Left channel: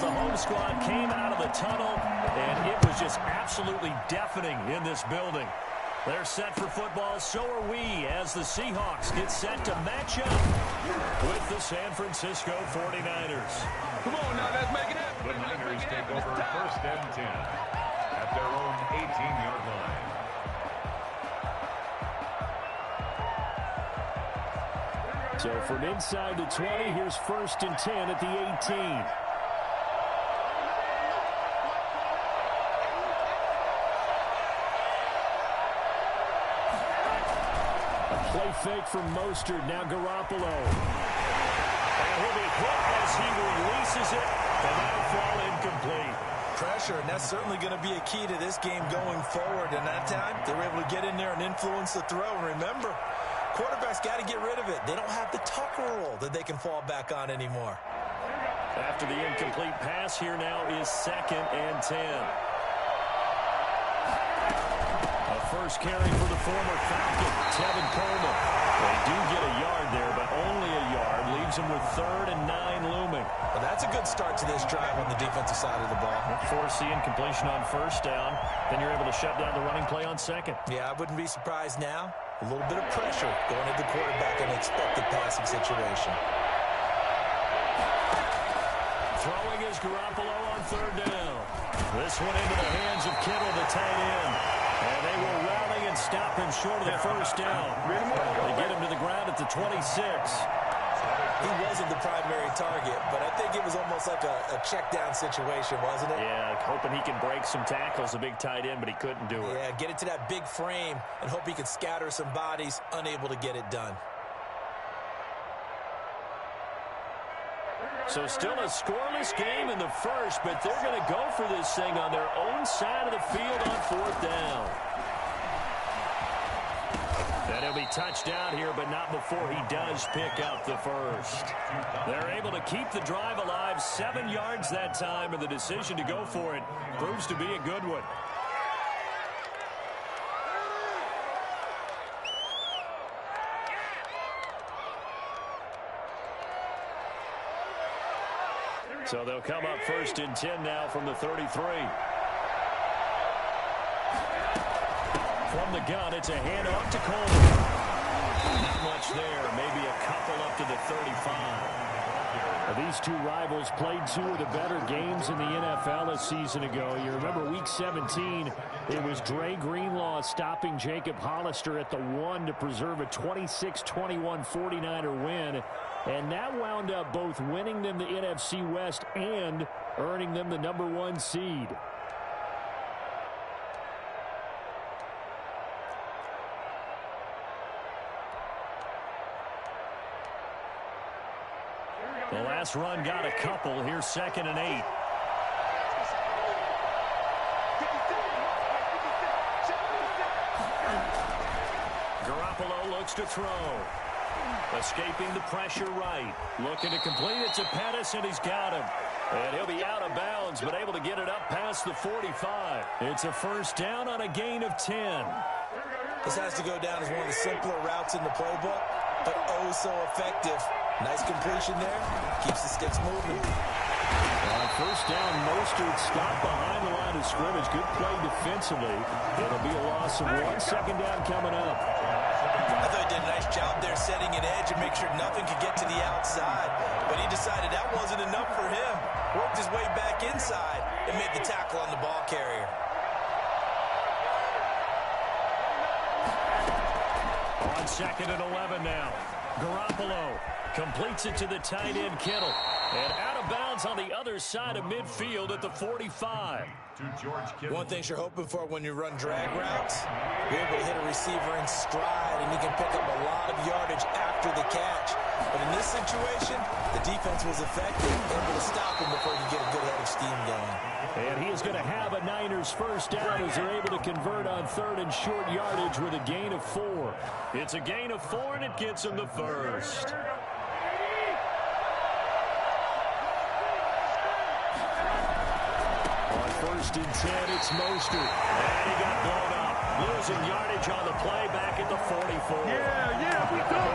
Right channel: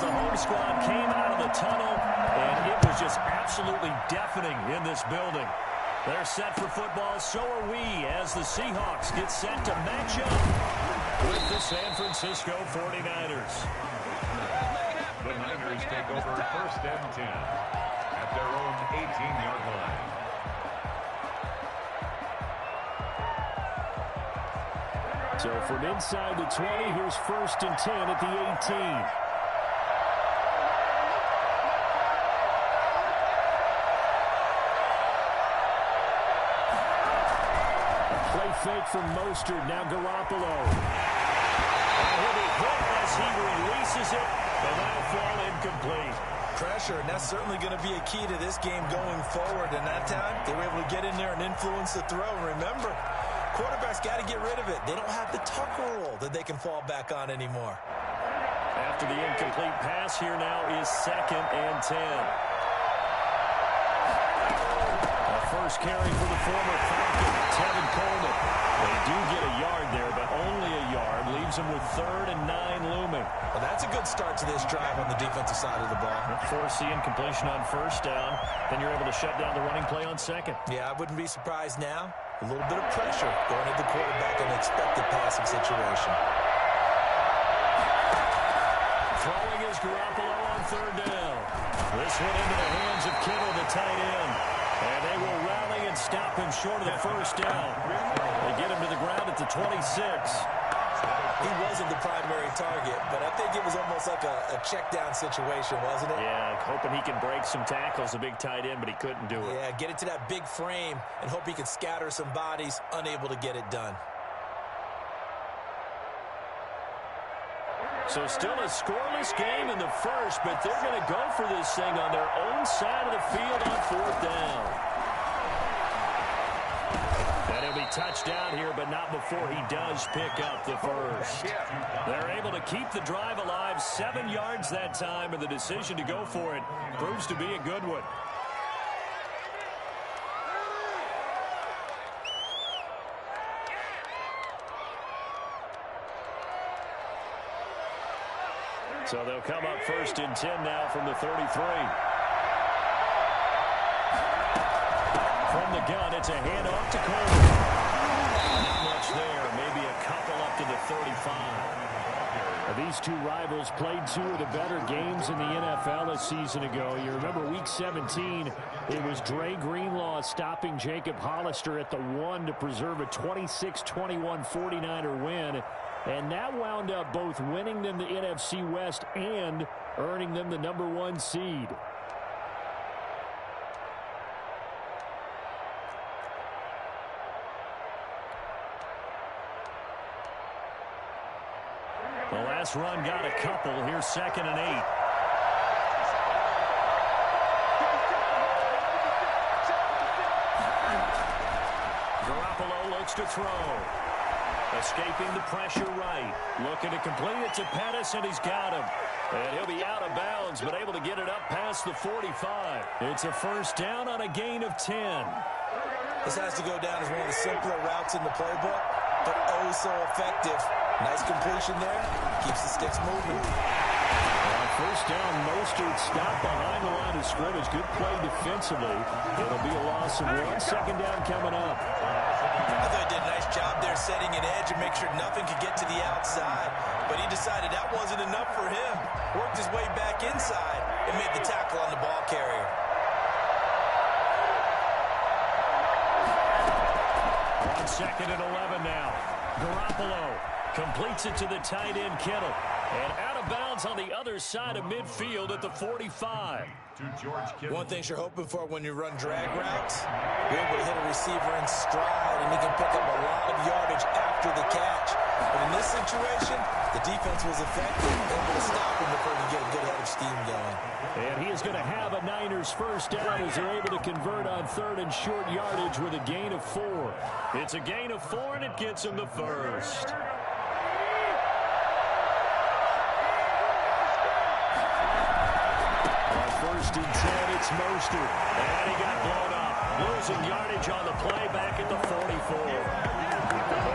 as the home squad came out of the tunnel, and it was just absolutely deafening in this building. They're set for football, so are we, as the Seahawks get set to match up with the San Francisco 49ers. Come on now, let's make it happen. The Niners take over 1st and 10 at their own 18-yard line. So from inside the 20, here's 1st and 10 at the 18. Play fake from Mostert, now Garoppolo. And he'll be hit as he releases it, and that'll fall incomplete. Pressure, and that's certainly going to be a key to this game going forward. And that time, they were able to get in there and influence the throw. And remember, quarterbacks got to get rid of it. They don't have the Tucker rule that they can fall back on anymore. After the incomplete pass, here now is 2nd and 10. First carry for the former Falcon, Tevin Coleman. They do get a yard there, but only a yard. Leaves them with 3rd and 9 looming. Well, that's a good start to this drive on the defensive side of the ball. Force the incompletion on 1st down. Then you're able to shut down the running play on 2nd. Yeah, I wouldn't be surprised now. A little bit of pressure going at the quarterback in an expected passing situation. Throwing is Garoppolo on 3rd down. This one into the hands of Kittle, the tight end. And they will rally and stop him short of the 1st down. They get him to the ground at the 26. He wasn't the primary target, but I think it was almost like a check down situation, wasn't it? Yeah, hoping he can break some tackles, a big tight end, but he couldn't do it. Yeah, get it to that big frame and hope he could scatter some bodies, unable to get it done. So still a scoreless game in the 1st, but they're going to go for this thing on their own side of the field on 4th down. And he'll be touched down here, but not before he does pick up the 1st. They're able to keep the drive alive, 7 yards that time, and the decision to go for it proves to be a good one. So they'll come up 1st and 10 now from the 33. From the gun, it's a handoff to Coleman. Not much there, maybe a couple up to the 35. These two rivals played 2 of the better games in the NFL a season ago. You remember week 17, it was Dre Greenlaw stopping Jacob Hollister at the 1 to preserve a 26-21 49er win. And that wound up both winning them the NFC West and earning them the #1 seed. The last run got a couple. Here's 2nd and 8. Garoppolo looks to throw. Escaping the pressure right. Looking to complete it to Pettis, and he's got him. And he'll be out of bounds, but able to get it up past the 45. It's a 1st down on a gain of 10. This has to go down as one of the simpler routes in the playbook, but oh so effective. Nice completion there. Keeps the sticks moving. On 1st down, Mostert stopped behind the line of scrimmage. Good play defensively. It'll be a loss of 1. 2nd down coming up. I thought he did a nice job there setting an edge and make sure nothing could get to the outside. But he decided that wasn't enough for him. Worked his way back inside and made the tackle on the ball carrier. On 2nd and 11 now. Garoppolo completes it to the tight end Kittle. And out of bounds on the other side of midfield at the 45. One thing you're hoping for when you run drag routes, you're able to hit a receiver in stride, and he can pick up a lot of yardage after the catch. But in this situation, the defense was effective, able to stop him before he could get a good head of steam going. And he is going to have a Niners 1st down as they're able to convert on 3rd and short yardage with a gain of 4. It's a gain of 4, and it gets him the 1st. On 1st and 10, it's Mostert. And he got blown up. Losing yardage on the play back at the 44.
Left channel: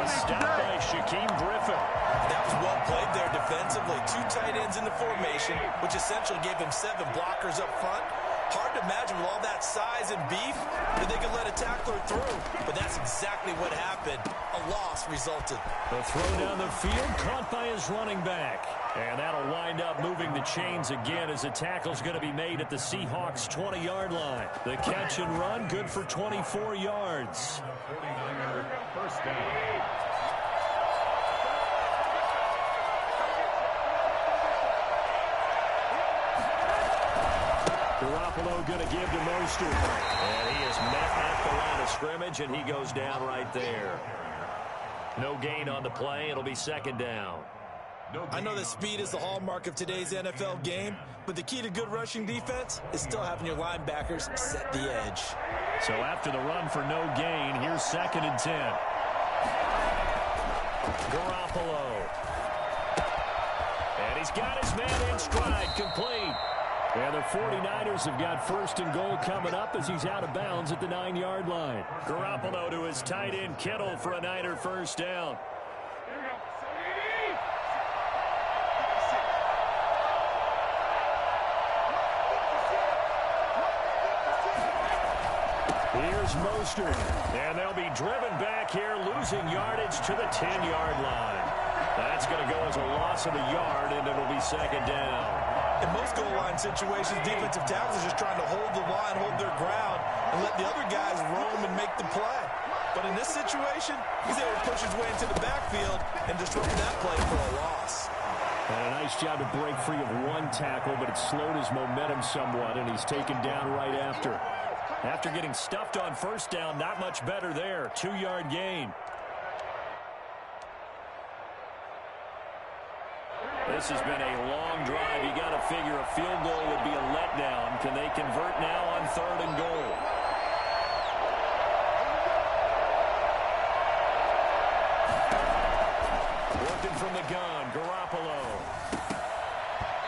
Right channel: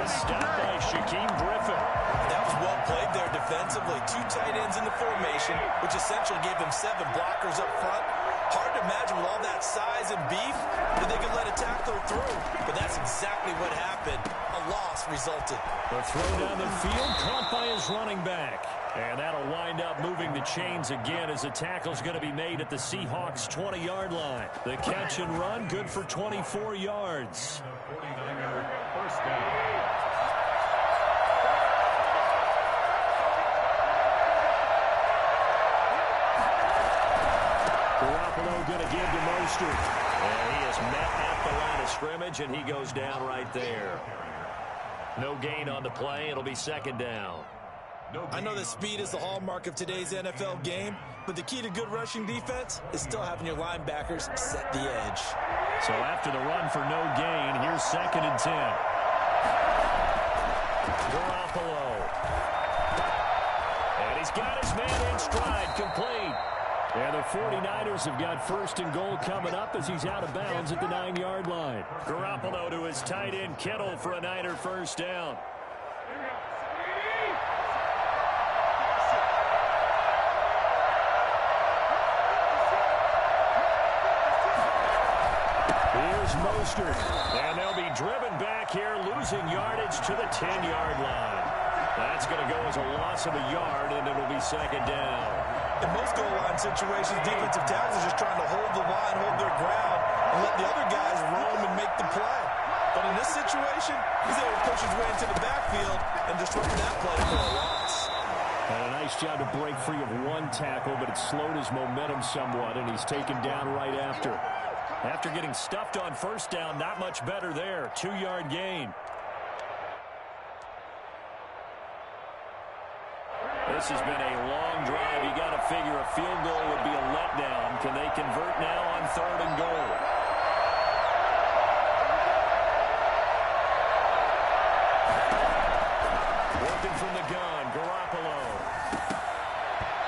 Stopped by Shaquem Griffin. That was well played there defensively. 2 tight ends in the formation, which essentially gave him 7 blockers up front. Hard to imagine with all that size and beef that they could let a tackler through. But that's exactly what happened. A loss resulted. The throw down the field caught by his running back. And that'll wind up moving the chains again as the tackle's going to be made at the Seahawks' 20-yard line. The catch and run good for 24 yards. 49er first down. Garoppolo going to give to Mostert. And he is met at the line of scrimmage, and he goes down right there. No gain on the play. It'll be second down. I know that speed is the hallmark of today's NFL game, but the key to good rushing defense is still having your linebackers set the edge. So after the run for no gain, here's 2nd and 10. Garoppolo. And he's got his man in stride, complete. And the 49ers have got 1st and goal coming up as he's out of bounds at the 9-yard line. Garoppolo to his tight end Kittle for a Niner first down. Here's Mostert. And they'll be driven back here, losing yardage to the 10-yard line. That's going to go as a loss of a yard, and it'll be second down. In most goal line situations, defensive tackles are just trying to hold the line, hold their ground, and let the other guys roam and make the play. But in this situation, he's able to push his way into the backfield and disrupt that play for a loss. And a nice job to break free of one tackle, but it slowed his momentum somewhat, and he's taken down right after. After getting stuffed on first down, not much better there. 2-yard gain. This has been a long drive. You got to figure a field goal would be a letdown. Can they convert now on 3rd and goal? Working from the gun, Garoppolo.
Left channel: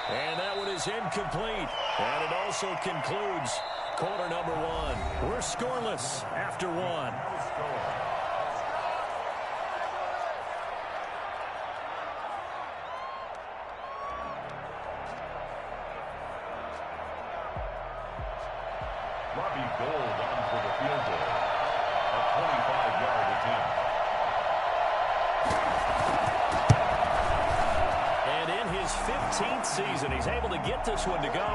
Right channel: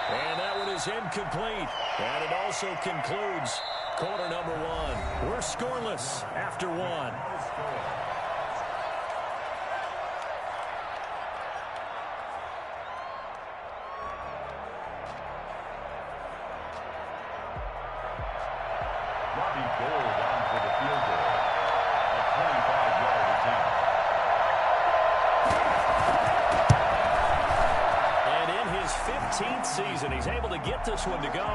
And that one is incomplete. And it also concludes quarter number 1. We're scoreless after 1. Robbie Gould on for the field goal. A 25-yard attempt. And in his 15th season, he's able to get this one to go.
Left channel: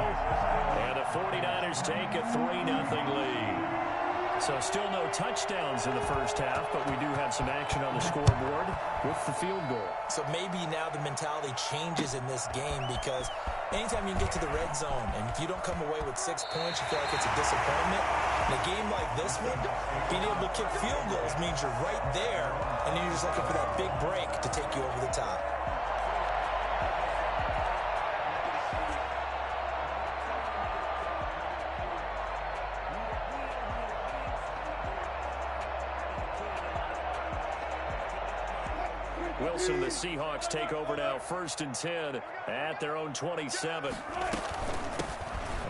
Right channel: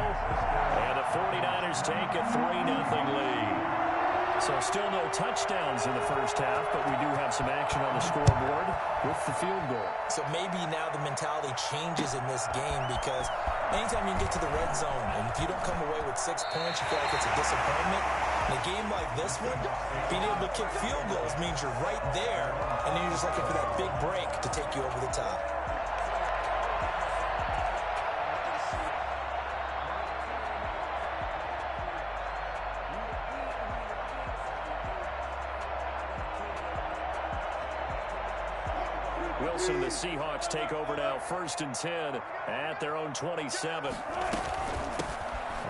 And the 49ers take a 3-0 lead. So still no touchdowns in the first half, but we do have some action on the scoreboard with the field goal. So maybe now the mentality changes in this game because anytime you can get to the red zone and if you don't come away with 6 points, you feel like it's a disappointment. In a game like this one, being able to kick field goals means you're right there, and then you're just looking for that big break to take you over the top. Wilson, the Seahawks take over now, 1st and 10 at their own 27.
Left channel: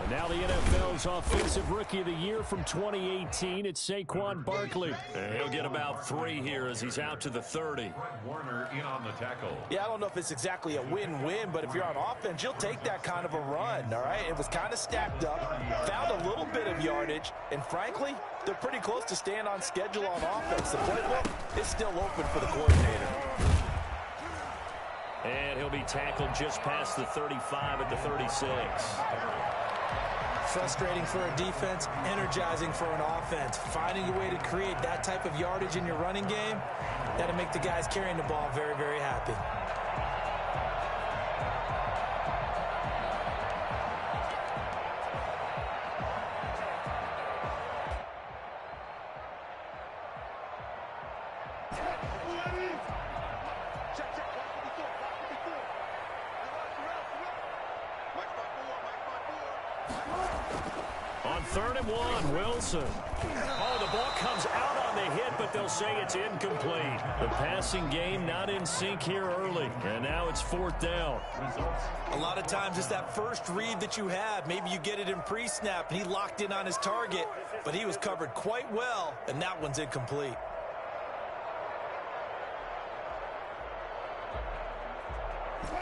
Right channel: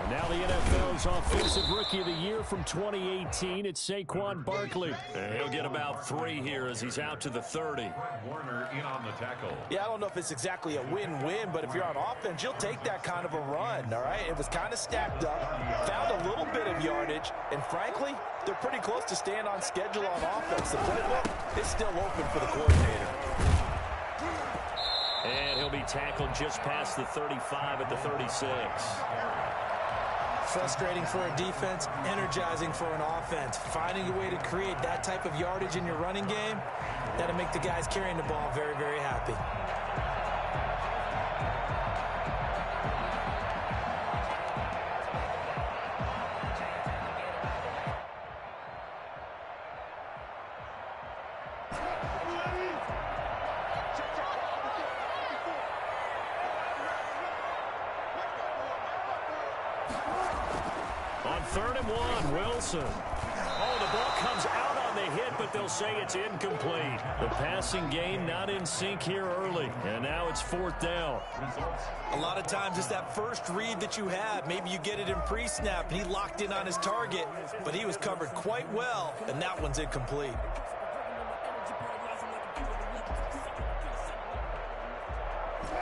And now the NFL's Offensive Rookie of the Year from 2018, it's Saquon Barkley. And he'll get about 3 here as he's out to the 30. Warner in on the tackle. Yeah, I don't know if it's exactly a win-win, but if you're on offense, you'll take that kind of a run, all right? It was kind of stacked up, found a little bit of yardage, and frankly, they're pretty close to staying on schedule on offense. The playbook is still open for the coordinator. And he'll be tackled just past the 35 at the 36. Frustrating for a defense, energizing for an offense. Finding a way to create that type of yardage in your running game, that'll make the guys carrying the ball very, very happy. On 3rd and 1, Wilson. Oh, the ball comes out on the hit, but they'll say it's incomplete. The passing game not in sync here early, and now it's 4th down. A lot of times it's that first read that you have. Maybe you get it in pre-snap, and he locked in on his target, but he was covered quite well, and that one's incomplete.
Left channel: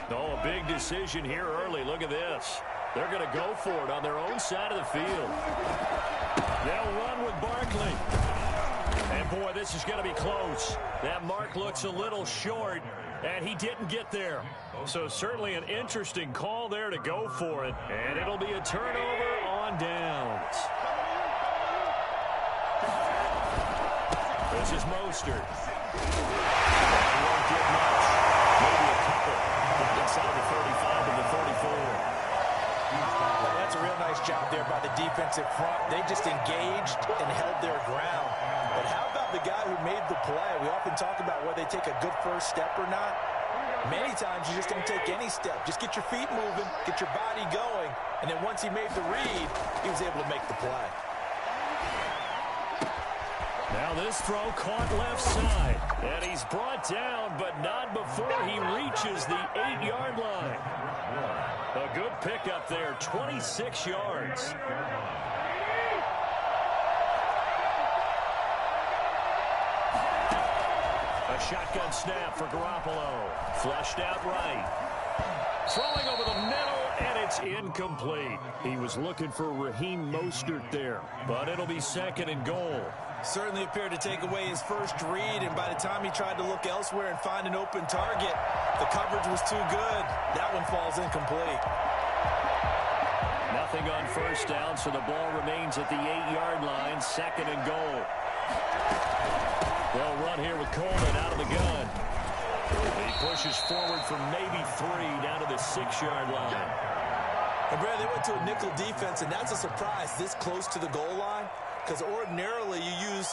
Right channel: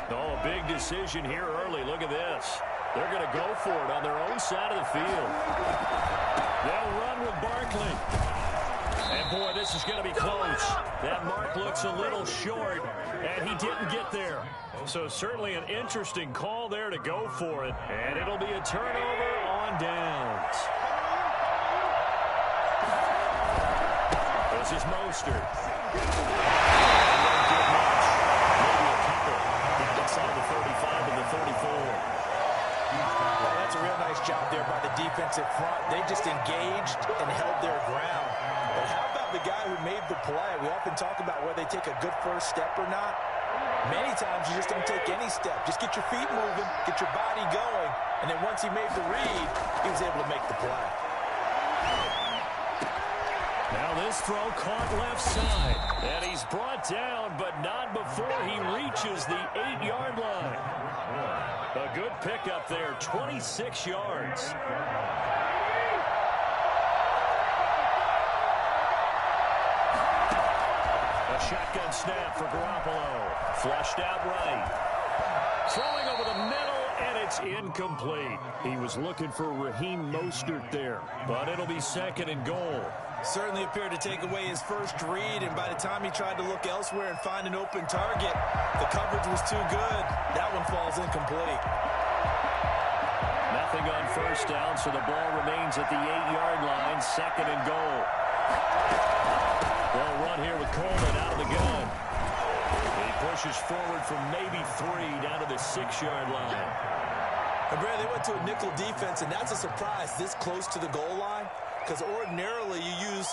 Oh, a big decision here early. Look at this. They're going to go for it on their own side of the field. They'll run with Barkley. And, boy, this is going to be close. That mark looks a little short, and he didn't get there. So certainly an interesting call there to go for it. And it'll be a turnover on downs. This is Mostert. He won't get much. Maybe a couple. Down inside the 35 and the 34. That's a real nice job there by the defensive front. They just engaged and held their ground. But how about the guy who made the play? We often talk about whether they take a good first step or not. Many times you just don't take any step. Just get your feet moving, get your body going, and then once he made the read, he was able to make the play. Now this throw caught left side. And he's brought down, but not before he reaches the 8-yard line. A good pickup there, 26 yards. A shotgun snap for Garoppolo. Flushed out right. Throwing over the middle, and it's incomplete. He was looking for Raheem Mostert there, but it'll be 2nd and goal. Certainly appeared to take away his first read, and by the time he tried to look elsewhere and find an open target, the coverage was too good. That one falls incomplete. Nothing on first down, so the ball remains at the 8-yard line, 2nd and goal. They'll run here with Coleman out of the gun. He pushes forward for maybe 3 down to the 6-yard line. And Brad, they went to a nickel defense, and that's a surprise this close to the goal line, because ordinarily you use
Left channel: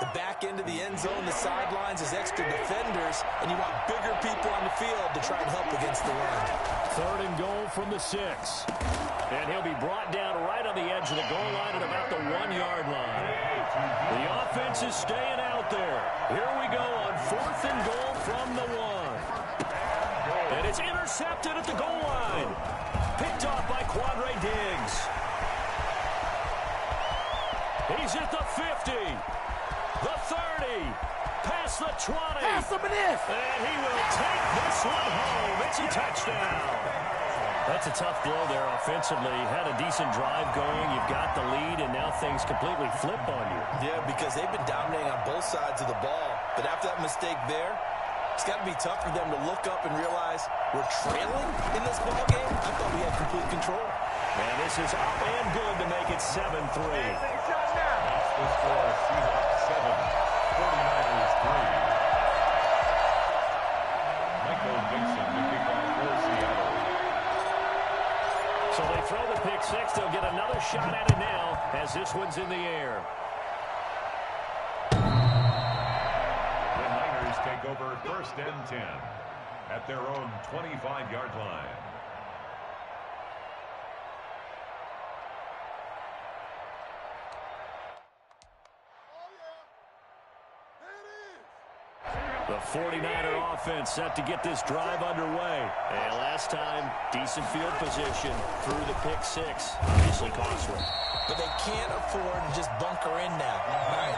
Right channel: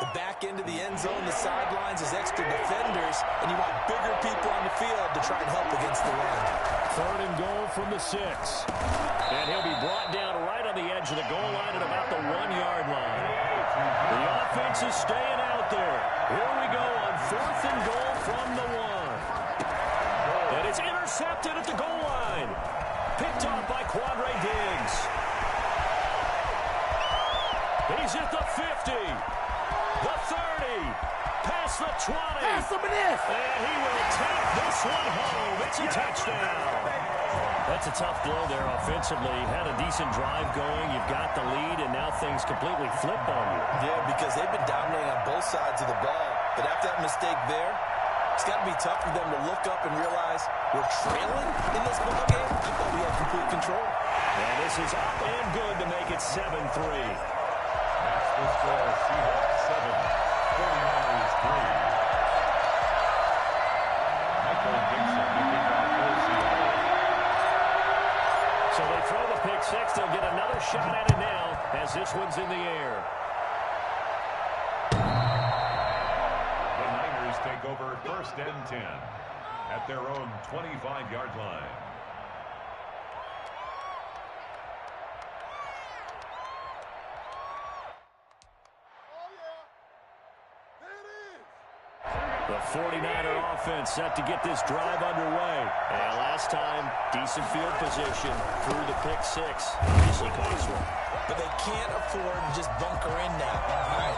the back end of the end zone, the sidelines as extra defenders, and you want bigger people on the field to try and help against the run. 3rd and goal from the 6. And he'll be brought down right on the edge of the goal line at about the 1-yard line. The offense is staying out there. Here we go on 4th and goal from the 1. And it's intercepted at the goal line. Picked off by Quandre Diggs. He's at the 50. The 30. Past the 20. Pass him this. And he will take this one home. It's a touchdown. That's a tough blow there offensively. Had a decent drive going. You've got the lead, and now things completely flip on you. Yeah, because they've been dominating on both sides of the ball. But after that mistake there, it's got to be tough for them to look up and realize we're trailing in this ball game. I thought we had complete control. And this is up and good to make it 7-3. That's the score. Seahawks 7, 49ers 3. Michael Dixon to kick off for Seattle. So they throw the pick 6. They'll get another shot at it now as this one's in the air. The Niners take over 1st and 10 at their own 25-yard line. The 49er offense set to get this drive underway. And last time, decent field position through the pick 6. Obviously cost them. But they can't afford to just bunker in now. All right,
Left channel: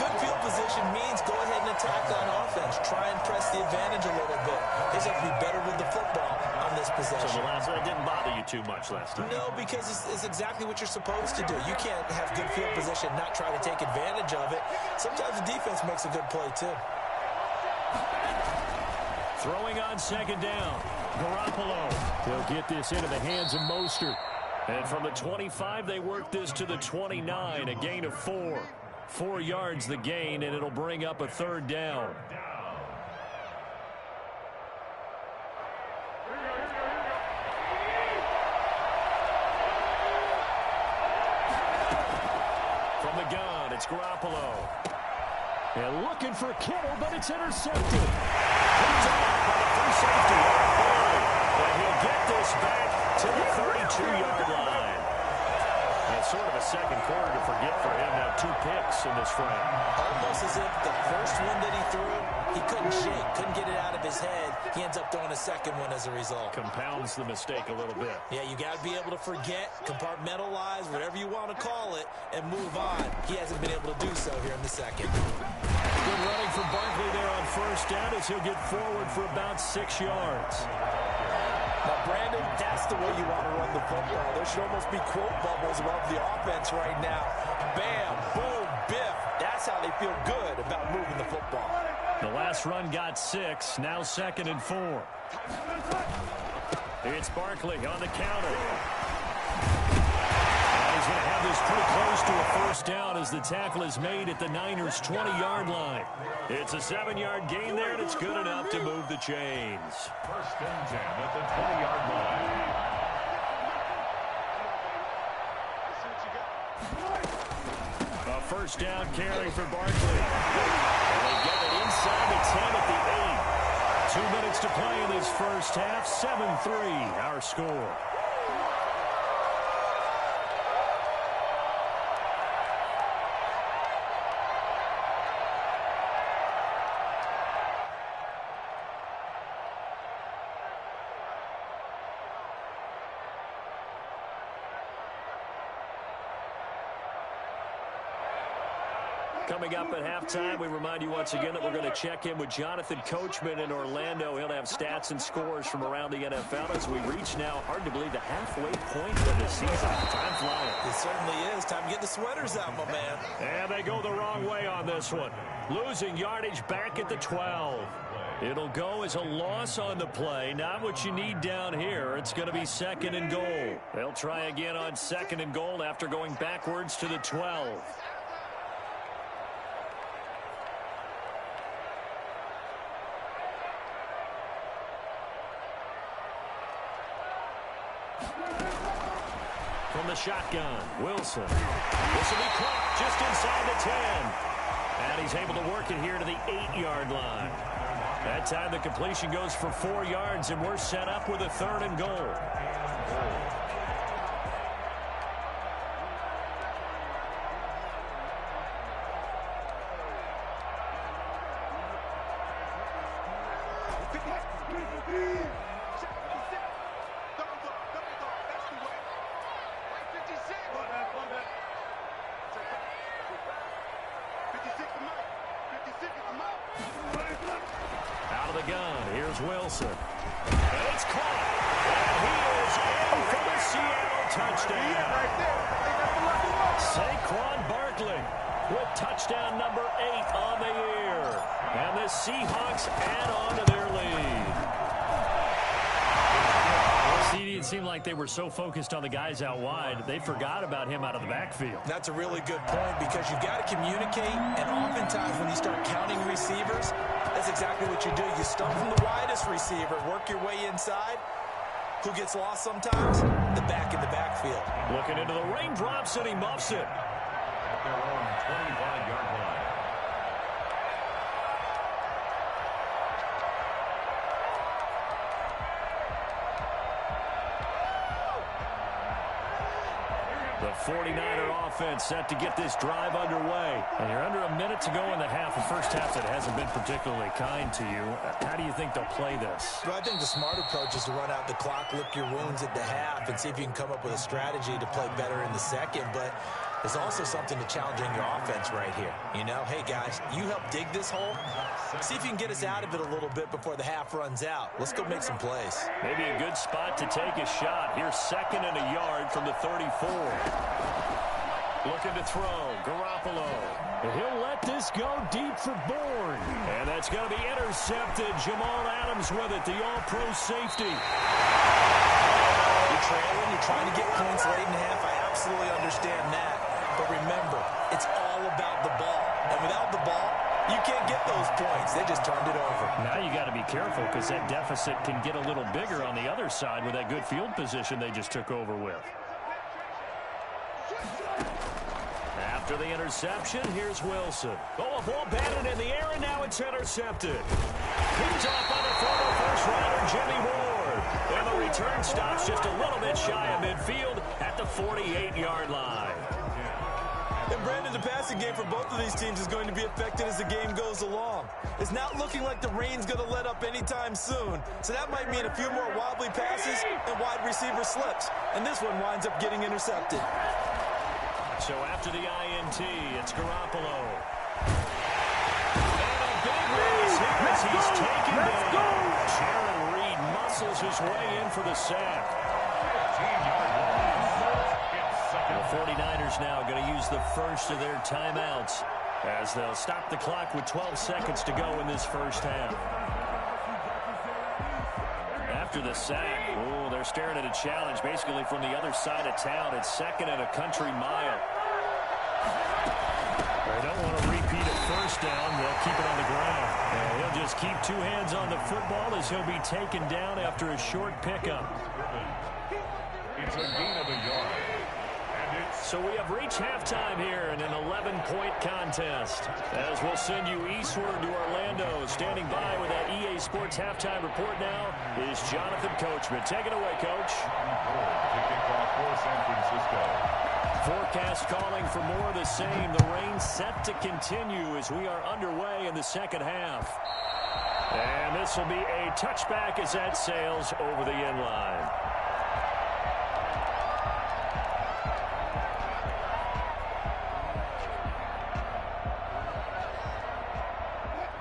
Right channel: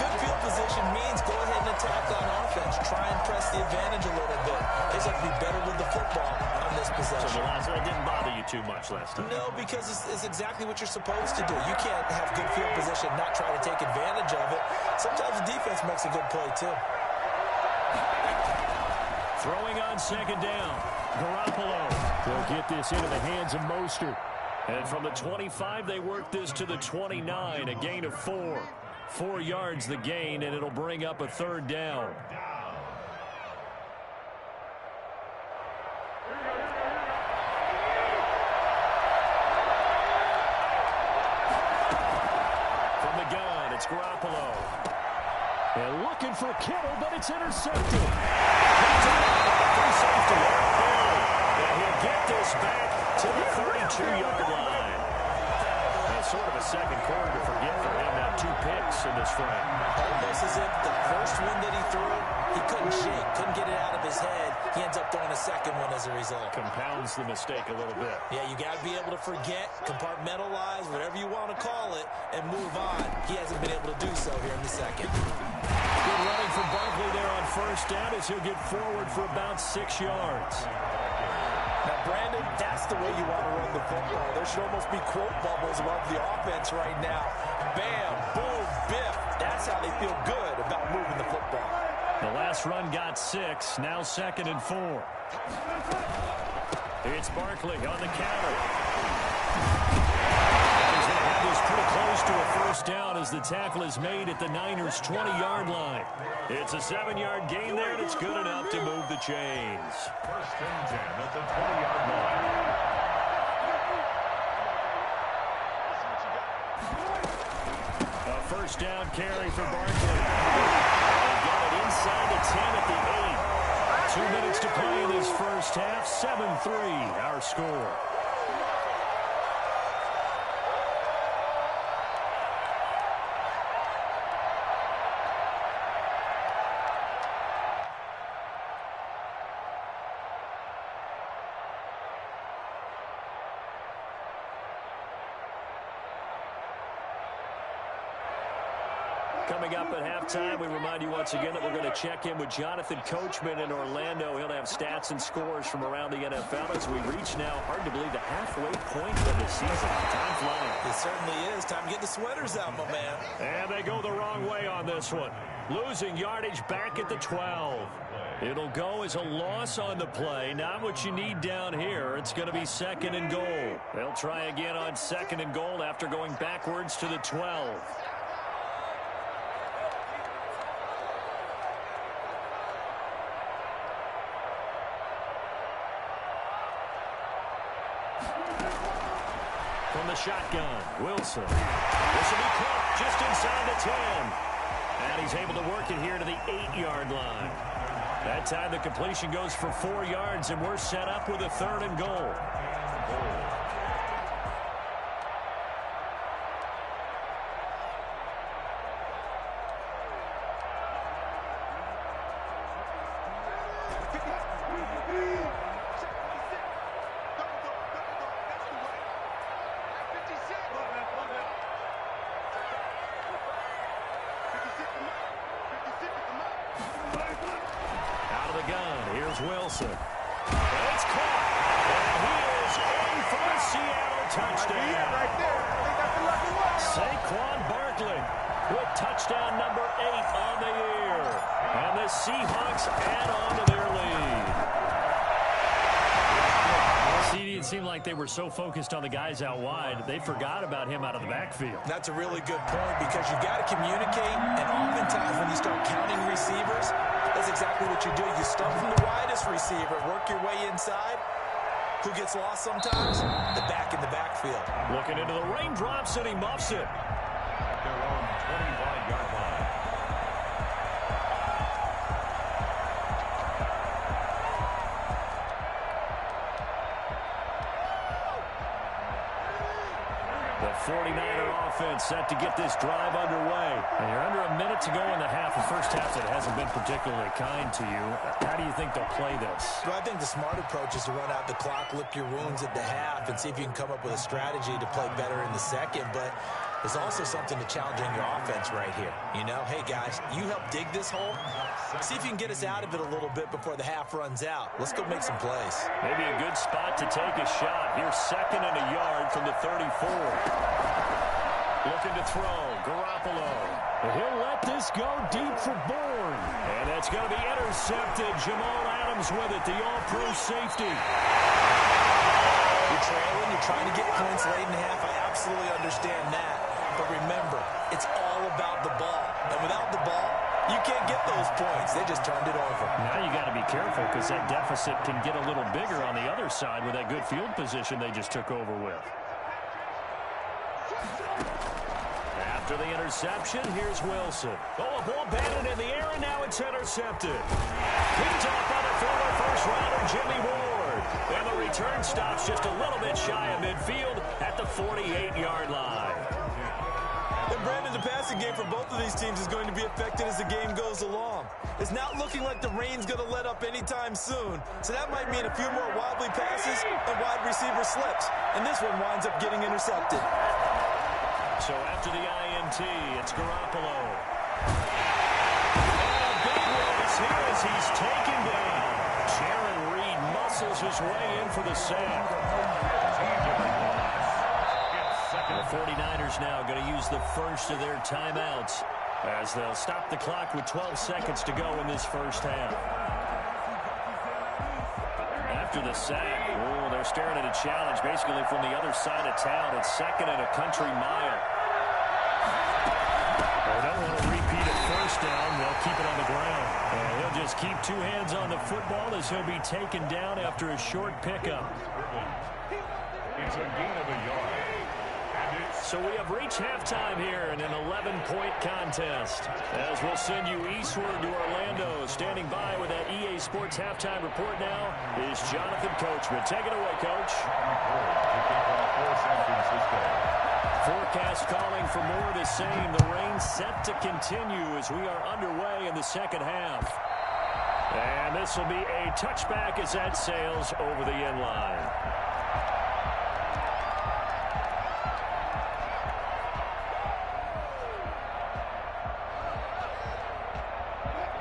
good field position means go ahead and attack on offense. Try and press the advantage a little bit. They just have to be better with the football on this possession. So the last one didn't bother you too much last time? No, because it's exactly what you're supposed to do. You can't have good field position, not try to take advantage of it. Sometimes the defense makes a good play, too. Throwing on 2nd down. Garoppolo. They'll get this into the hands of Mostert. And from the 25, they work this to the 29. A gain of 4. 4 yards the gain, and it'll bring up a 3rd down. From the gun, it's Garoppolo. And looking for Kittle, but it's intercepted. Picked off by the free safety, Eric Berry. And he'll get this back to the 32-yard line. Sort of a second quarter to forget for him. Now 2 picks in this frame. Almost as if the first one that he threw, he couldn't shake, couldn't get it out of his head. He ends up throwing a second one as a result. Compounds the mistake a little bit. Yeah, you got to be able to forget, compartmentalize, whatever you want to call it, and move on. He hasn't been able to do so here in the second. Good running from Barkley there on first down as he'll get forward for about 6 yards. Now, Brandon, that's the way you want to run the football. There should almost be quote bubbles above the offense right now. Bam, boom, biff. That's how they feel good about moving the football. The last run got 6, now 2nd and 4. It's Barkley on the counter. And he's going to have this pretty close to a first down as the tackle is made at the Niners' 20-yard line. It's a 7-yard gain there, and it's good enough to move the chains. 1st and 10 at the 20-yard line. A first down carry for Barkley. And they get it inside the 10 at the 8. 2 minutes to play in this first half. 7-3 our score. Coming up at halftime, we remind you once again that we're going to check in with Jonathan Coachman in Orlando. He'll have stats and scores from around the NFL as we reach now, hard to believe, the halfway point of the season. Time flying. It certainly is. Time to get the sweaters out, my man. And they go the wrong way on this one. Losing yardage back at the 12. It'll go as a loss on the play. Not what you need down here. It's going to be 2nd and goal. They'll try again on 2nd and goal after going backwards to the 12. From the shotgun, Wilson. This will be caught just inside the 10. And he's able to work it here to the 8-yard line. That time the completion goes for 4 yards, and we're set up with a 3rd and goal. Out of the gun, here's Wilson. And it's caught, and he is in for the Seattle touchdown. Right there. I think that's the lucky one. Saquon Barkley with touchdown number 8 on the year. And the Seahawks add on to their lead. CD, it seemed like they were so focused on the guys out wide, they forgot about him out of the backfield. That's a really good point because you've got to communicate, and oftentimes when you start counting receivers, that's exactly what you do. You start from the widest receiver, work your way inside. Who gets lost sometimes? The back in the backfield. Looking into the raindrops, and he muffs it. At their own 25-yard line. The 49er offense set to get this drive underway. And you're under a minute to go in the half. The first half that hasn't been particularly kind to you. How do you think they'll play this? Well, I think the smart approach is to run out the clock, lick your wounds at the half, and see if you can come up with a strategy to play better in the second. But there's also something to challenging your offense right here. You know, hey, guys, you help dig this hole. See if you can get us out of it a little bit before the half runs out. Let's go make some plays. Maybe a good spot to take a shot. Here's 2nd and a yard from the 34. Looking to throw, Garoppolo. He'll let this go deep for Bourne. And that's going to be intercepted. Jamal Adams with it, the all-pro safety. You're trailing, you're trying to get points late in the half. I absolutely understand that. But remember, it's all about the ball. And without the ball, you can't get those points. They just turned it over. Now you got to be careful because that deficit can get a little bigger on the other side with that good field position they just took over with. After the interception, here's Wilson. Oh, a ball batted in the air, and now it's intercepted. Picked off by the former first-rounder Jimmy Ward. And the return stops just a little bit shy of midfield at the 48-yard line. And Brandon, the passing game for both of these teams is going to be affected as the game goes along. It's not looking like the rain's going to let up anytime soon, so that might mean a few more wobbly passes and wide receiver slips. And this one winds up getting intercepted. So after the INT, it's Garoppolo. And a big loss here as he's taken down. Jaron Reed muscles his way in for the sack. The 49ers now going to use the first of their timeouts as they'll stop the clock with 12 seconds to go in this first half. After the sack, they're staring at a challenge basically from the other side of town. It's 2nd and a country mile. They don't want to repeat a first down. They'll keep it on the ground. And he'll just keep 2 hands on the football as he'll be taken down after a short pickup. It's a gain of a yard. So we have reached halftime here in an 11-point contest. As we'll send you eastward to Orlando. Standing by with that EA Sports halftime report now is Jonathan Coachman. Take it away, Coach. Kicking off for San Francisco. Forecast calling for more of the same. The rain set to continue as we are underway in the second half. And this will be a touchback as that sails over the end line.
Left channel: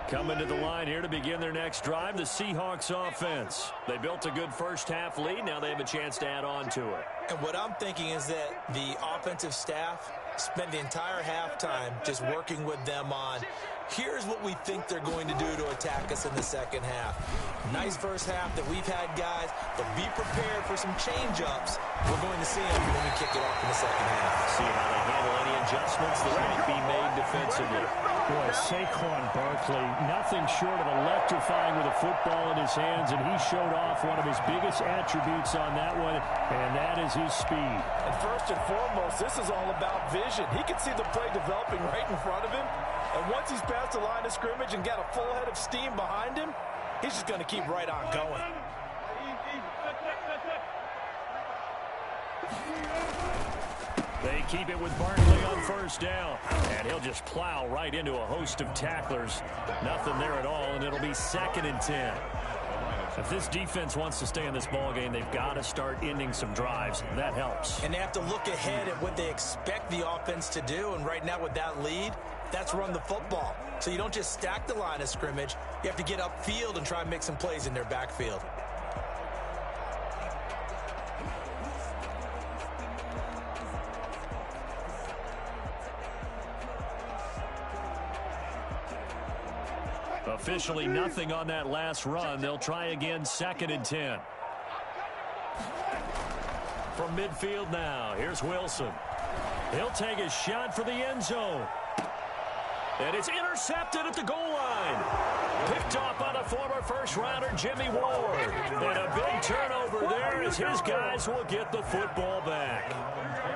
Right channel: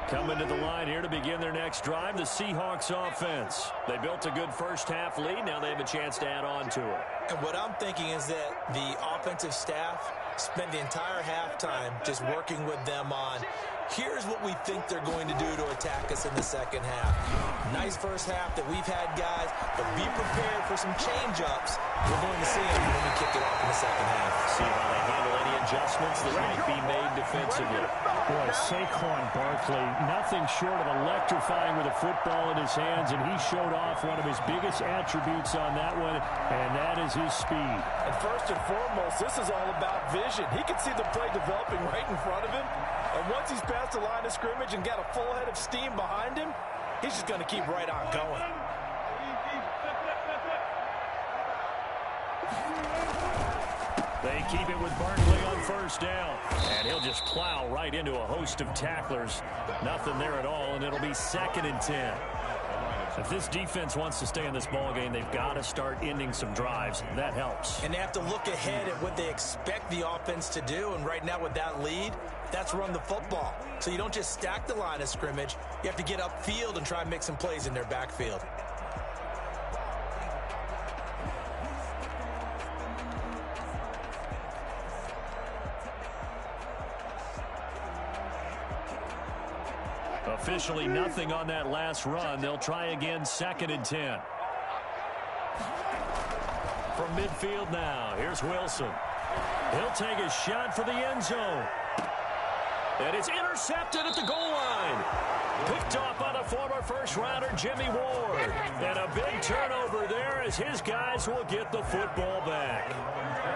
Coming to the line here to begin their next drive, the Seahawks offense. They built a good first-half lead. Now they have a chance to add on to it. And what I'm thinking is that the offensive staff spent the entire halftime just working with them on, here's what we think they're going to do to attack us in the second half. Nice first half that we've had, guys, but be prepared for some change-ups. We're going to see them when we kick it off in the second half. See how they handle any adjustments that might be made defensively. Boy, Saquon Barkley, nothing short of electrifying with a football in his hands, and he showed off one of his biggest attributes on that one, and that is his speed. And first and foremost, this is all about vision. He can see the play developing right in front of him, and once he's past the line of scrimmage and got a full head of steam behind him, he's just going to keep right on going. They keep it with Barkley on first down, and he'll just plow right into a host of tacklers. Nothing there at all, and it'll be 2nd and 10. If this defense wants to stay in this ballgame, they've got to start ending some drives. That helps. And they have to look ahead at what they expect the offense to do, and right now with that lead, that's run the football. So you don't just stack the line of scrimmage. You have to get upfield and try and make some plays in their backfield. Officially nothing on that last run. They'll try again, 2nd and 10. From midfield now, here's Wilson. He'll take a shot for the end zone. And it's intercepted at the goal line. Picked off by the former first-rounder Jimmy Ward. And a big turnover there as his guys will get the football back.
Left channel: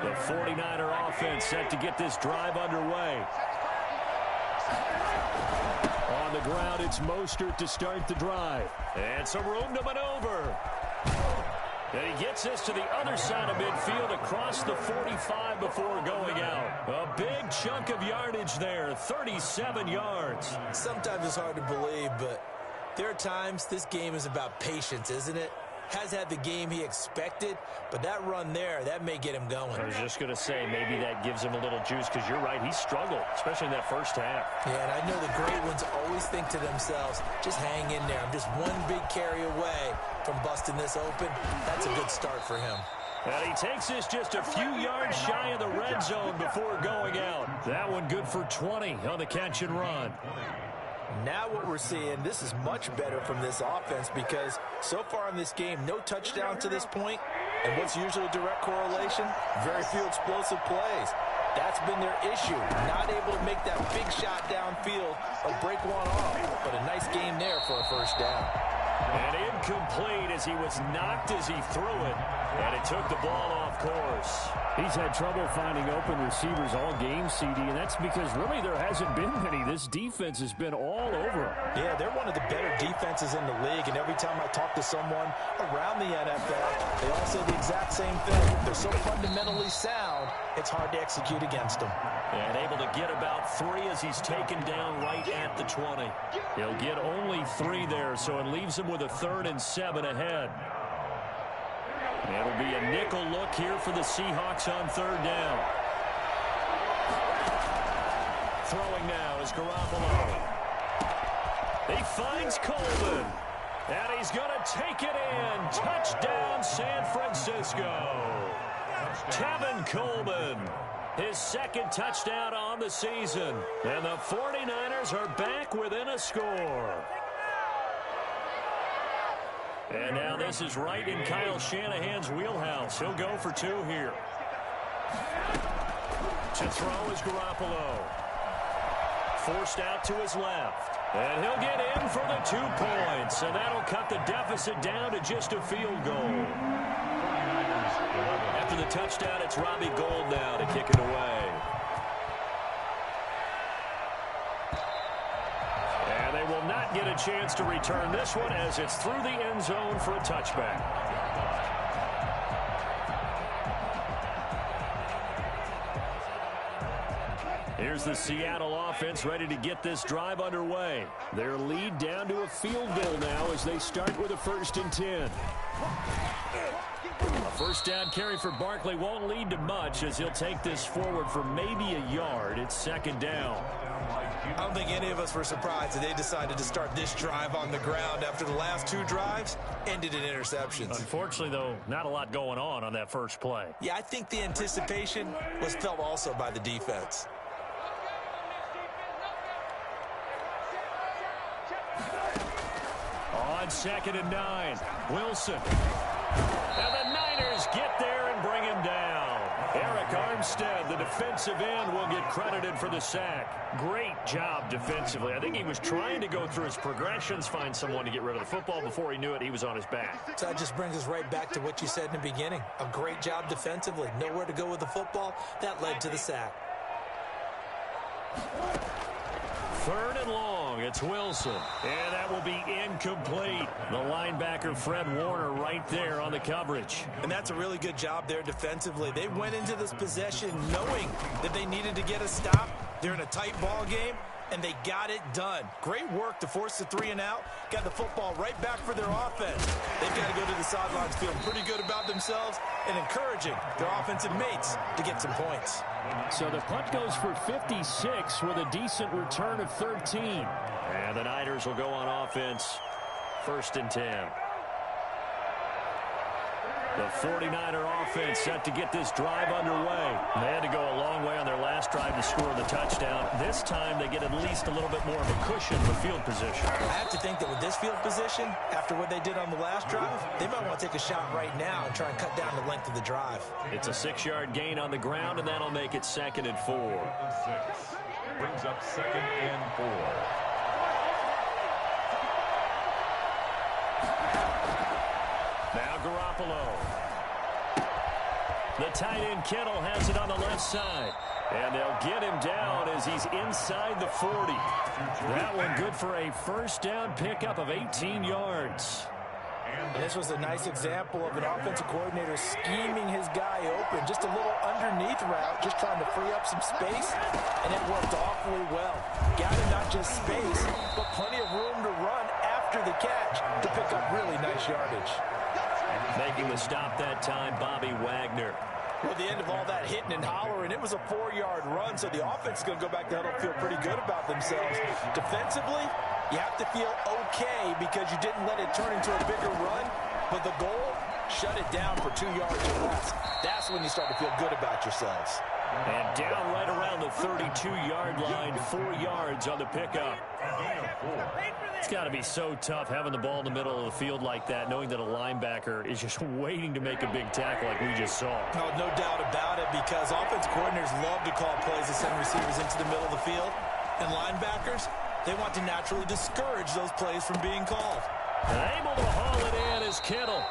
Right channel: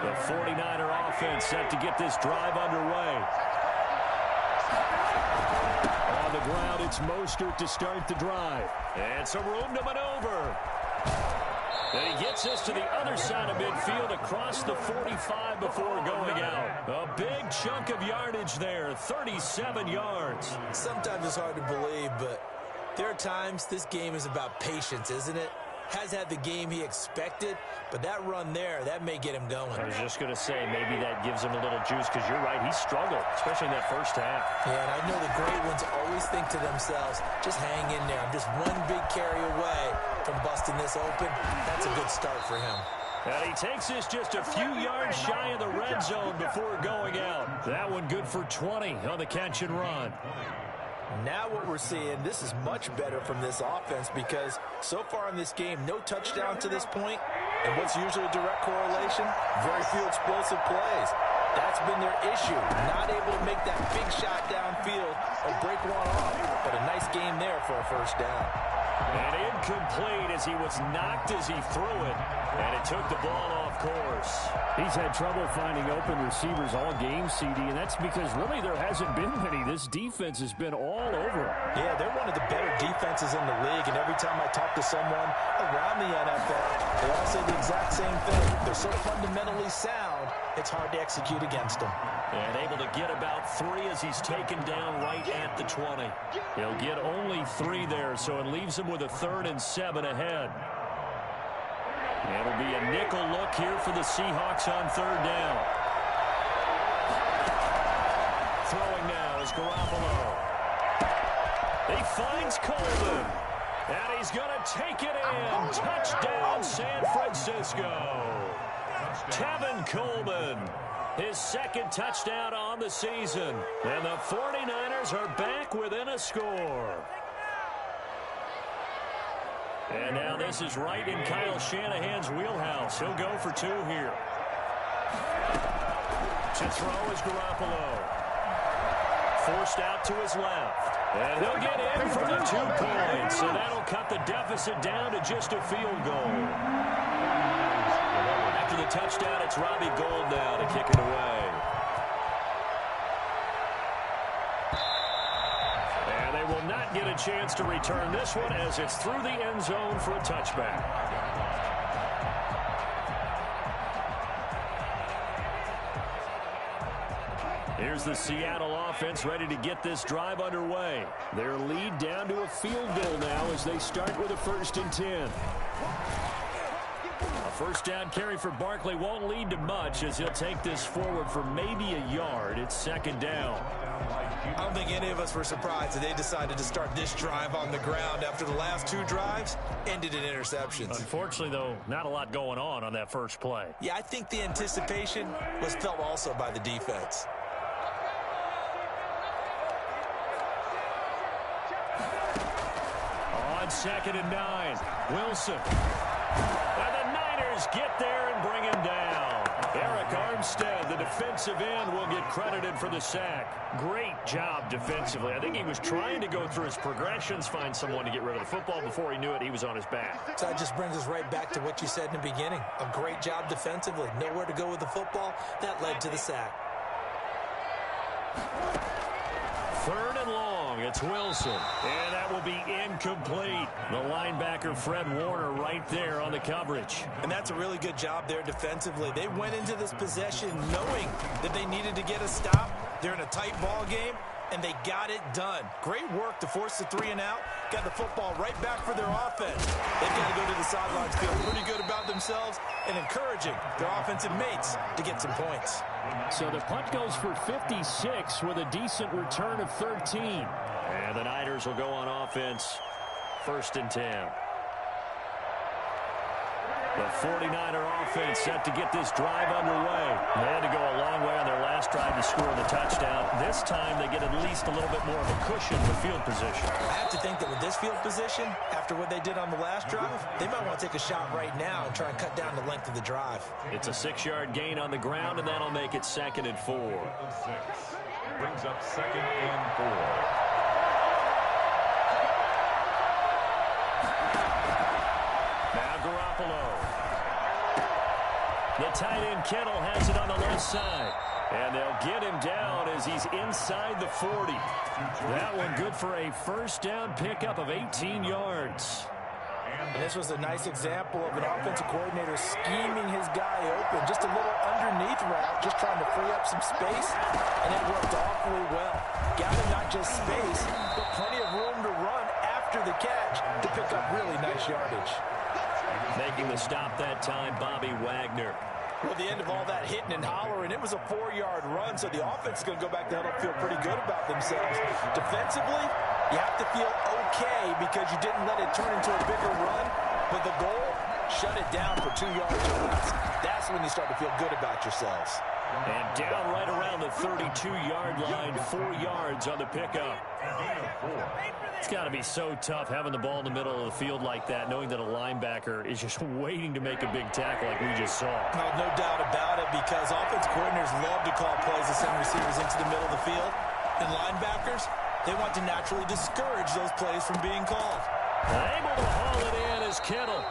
The 49er offense set to get this drive underway. On the ground, it's Mostert to start the drive. And some room to maneuver. And he gets us to the other side of midfield across the 45 before going out. A big chunk of yardage there, 37 yards. Sometimes it's hard to believe, but there are times this game is about patience, isn't it? Has had the game he expected, but that run there, that may get him going. I was just going to say, maybe that gives him a little juice, because you're right, he struggled, especially in that first half. Yeah, and I know the great ones always think to themselves, just hang in there. I'm just one big carry away from busting this open. That's a good start for him. And he takes this just a few yards shy of the red zone before going out. That one good for 20 on the catch and run. Now what we're seeing, this is much better from this offense because so far in this game, no touchdown to this point. And what's usually a direct correlation? Very few explosive plays. That's been their issue. Not able to make that big shot downfield or break one off. But a nice game there for a first down. And incomplete as he was knocked as he threw it, and it took the ball off course. He's had trouble finding open receivers all game, CD, and that's because really there hasn't been many. This defense has been all over him. Yeah, they're one of the better defenses in the league, and every time I talk to someone around the NFL, they all say the exact same thing. They're so fundamentally sound, it's hard to execute against them. And able to get about 3 as he's taken down right at the 20. He'll get only 3 there, so it leaves him with a 3rd and 7 ahead. It'll be a nickel look here for the Seahawks on 3rd down. Throwing now is Garoppolo. He finds Coleman. And he's going to take it in. Touchdown, San Francisco. Tevin Coleman. His 2nd touchdown on the season. And the 49ers are back within a score. And now this is right in Kyle Shanahan's wheelhouse. He'll go for 2 here. To throw is Garoppolo. Forced out to his left. And he'll get in for the 2 points. And that'll cut the deficit down to just a field goal. After the touchdown, it's Robbie Gould now to kick it away. And they will not get a chance to return this one as it's through the end zone for a touchback. Here's the Seattle offense ready to get this drive underway. Their lead down to a field goal now as they start with a 1st and 10. A 1st down carry for Barkley won't lead to much as he'll take this forward for maybe a yard. It's 2nd down. I don't think any of us were surprised that they decided to start this drive on the ground after the last 2 drives ended in interceptions. Unfortunately, though, not a lot going on that first play. Yeah, I think the anticipation was felt also by the defense. On 2nd and 9, Wilson. And the Niners get there and bring him down. Eric Armstead, the defensive end, will get credited for the sack. Great job defensively. I think he was trying to go through his progressions, find someone to get rid of the football. Before he knew it, he was on his back. So that just brings us right back to what you said in the beginning. A great job defensively. Nowhere to go with the football. That led to the sack. 3rd and long, it's Wilson. And that will be incomplete. The linebacker, Fred Warner, right there on the coverage. And that's a really good job there defensively. They went into this possession knowing that they needed to get a stop. They're in a tight ball game, and they got it done. Great work to force the 3 and out. Got the football right back for their offense. They've got to go to the sidelines feeling pretty good about themselves and encouraging their offensive mates to get some points. So the punt goes for 56 with a decent return of 13. And the Niners will go on offense. 1st and 10. The 49er offense set to get this drive underway. They had to go a long way on their last drive to score the touchdown. This time they get at least a little bit more of a cushion with field position. I have to think that with this field position, after what they did on the last drive, they might want to take a shot right now and try and cut down the length of the drive. It's a 6-yard gain on the ground, and that'll make it 2nd and 4. Brings up 2nd and 4. Now Garoppolo. The tight end Kittle has it on the left side. And they'll get him down as he's inside the 40. That one good for a 1st down pickup of 18 yards. And this was a nice example of an offensive coordinator scheming his guy open. Just a little underneath route, just trying to free up some space, and it worked awfully well. Got him not just space, but plenty of room to run after the catch to pick up really nice yardage. Making the stop that time, Bobby Wagner. Well, the end of all that hitting and hollering, it was a 4-yard run, so the offense is going to go back to huddle, feel pretty good about themselves. Defensively, you have to feel okay because you didn't let it turn into a bigger run, but the goal, shut it down for 2 yards or less. That's when you start to feel good about yourselves. And down right around the 32-yard line, 4 yards on the pickup. It's got to be so tough having the ball in the middle of the field like that, knowing that a linebacker is just waiting to make a big tackle like we just saw. No doubt about it, because offense coordinators love to call plays to send receivers into the middle of the field. And linebackers, they want to naturally discourage those plays from being called. Able to haul it in is Kittle.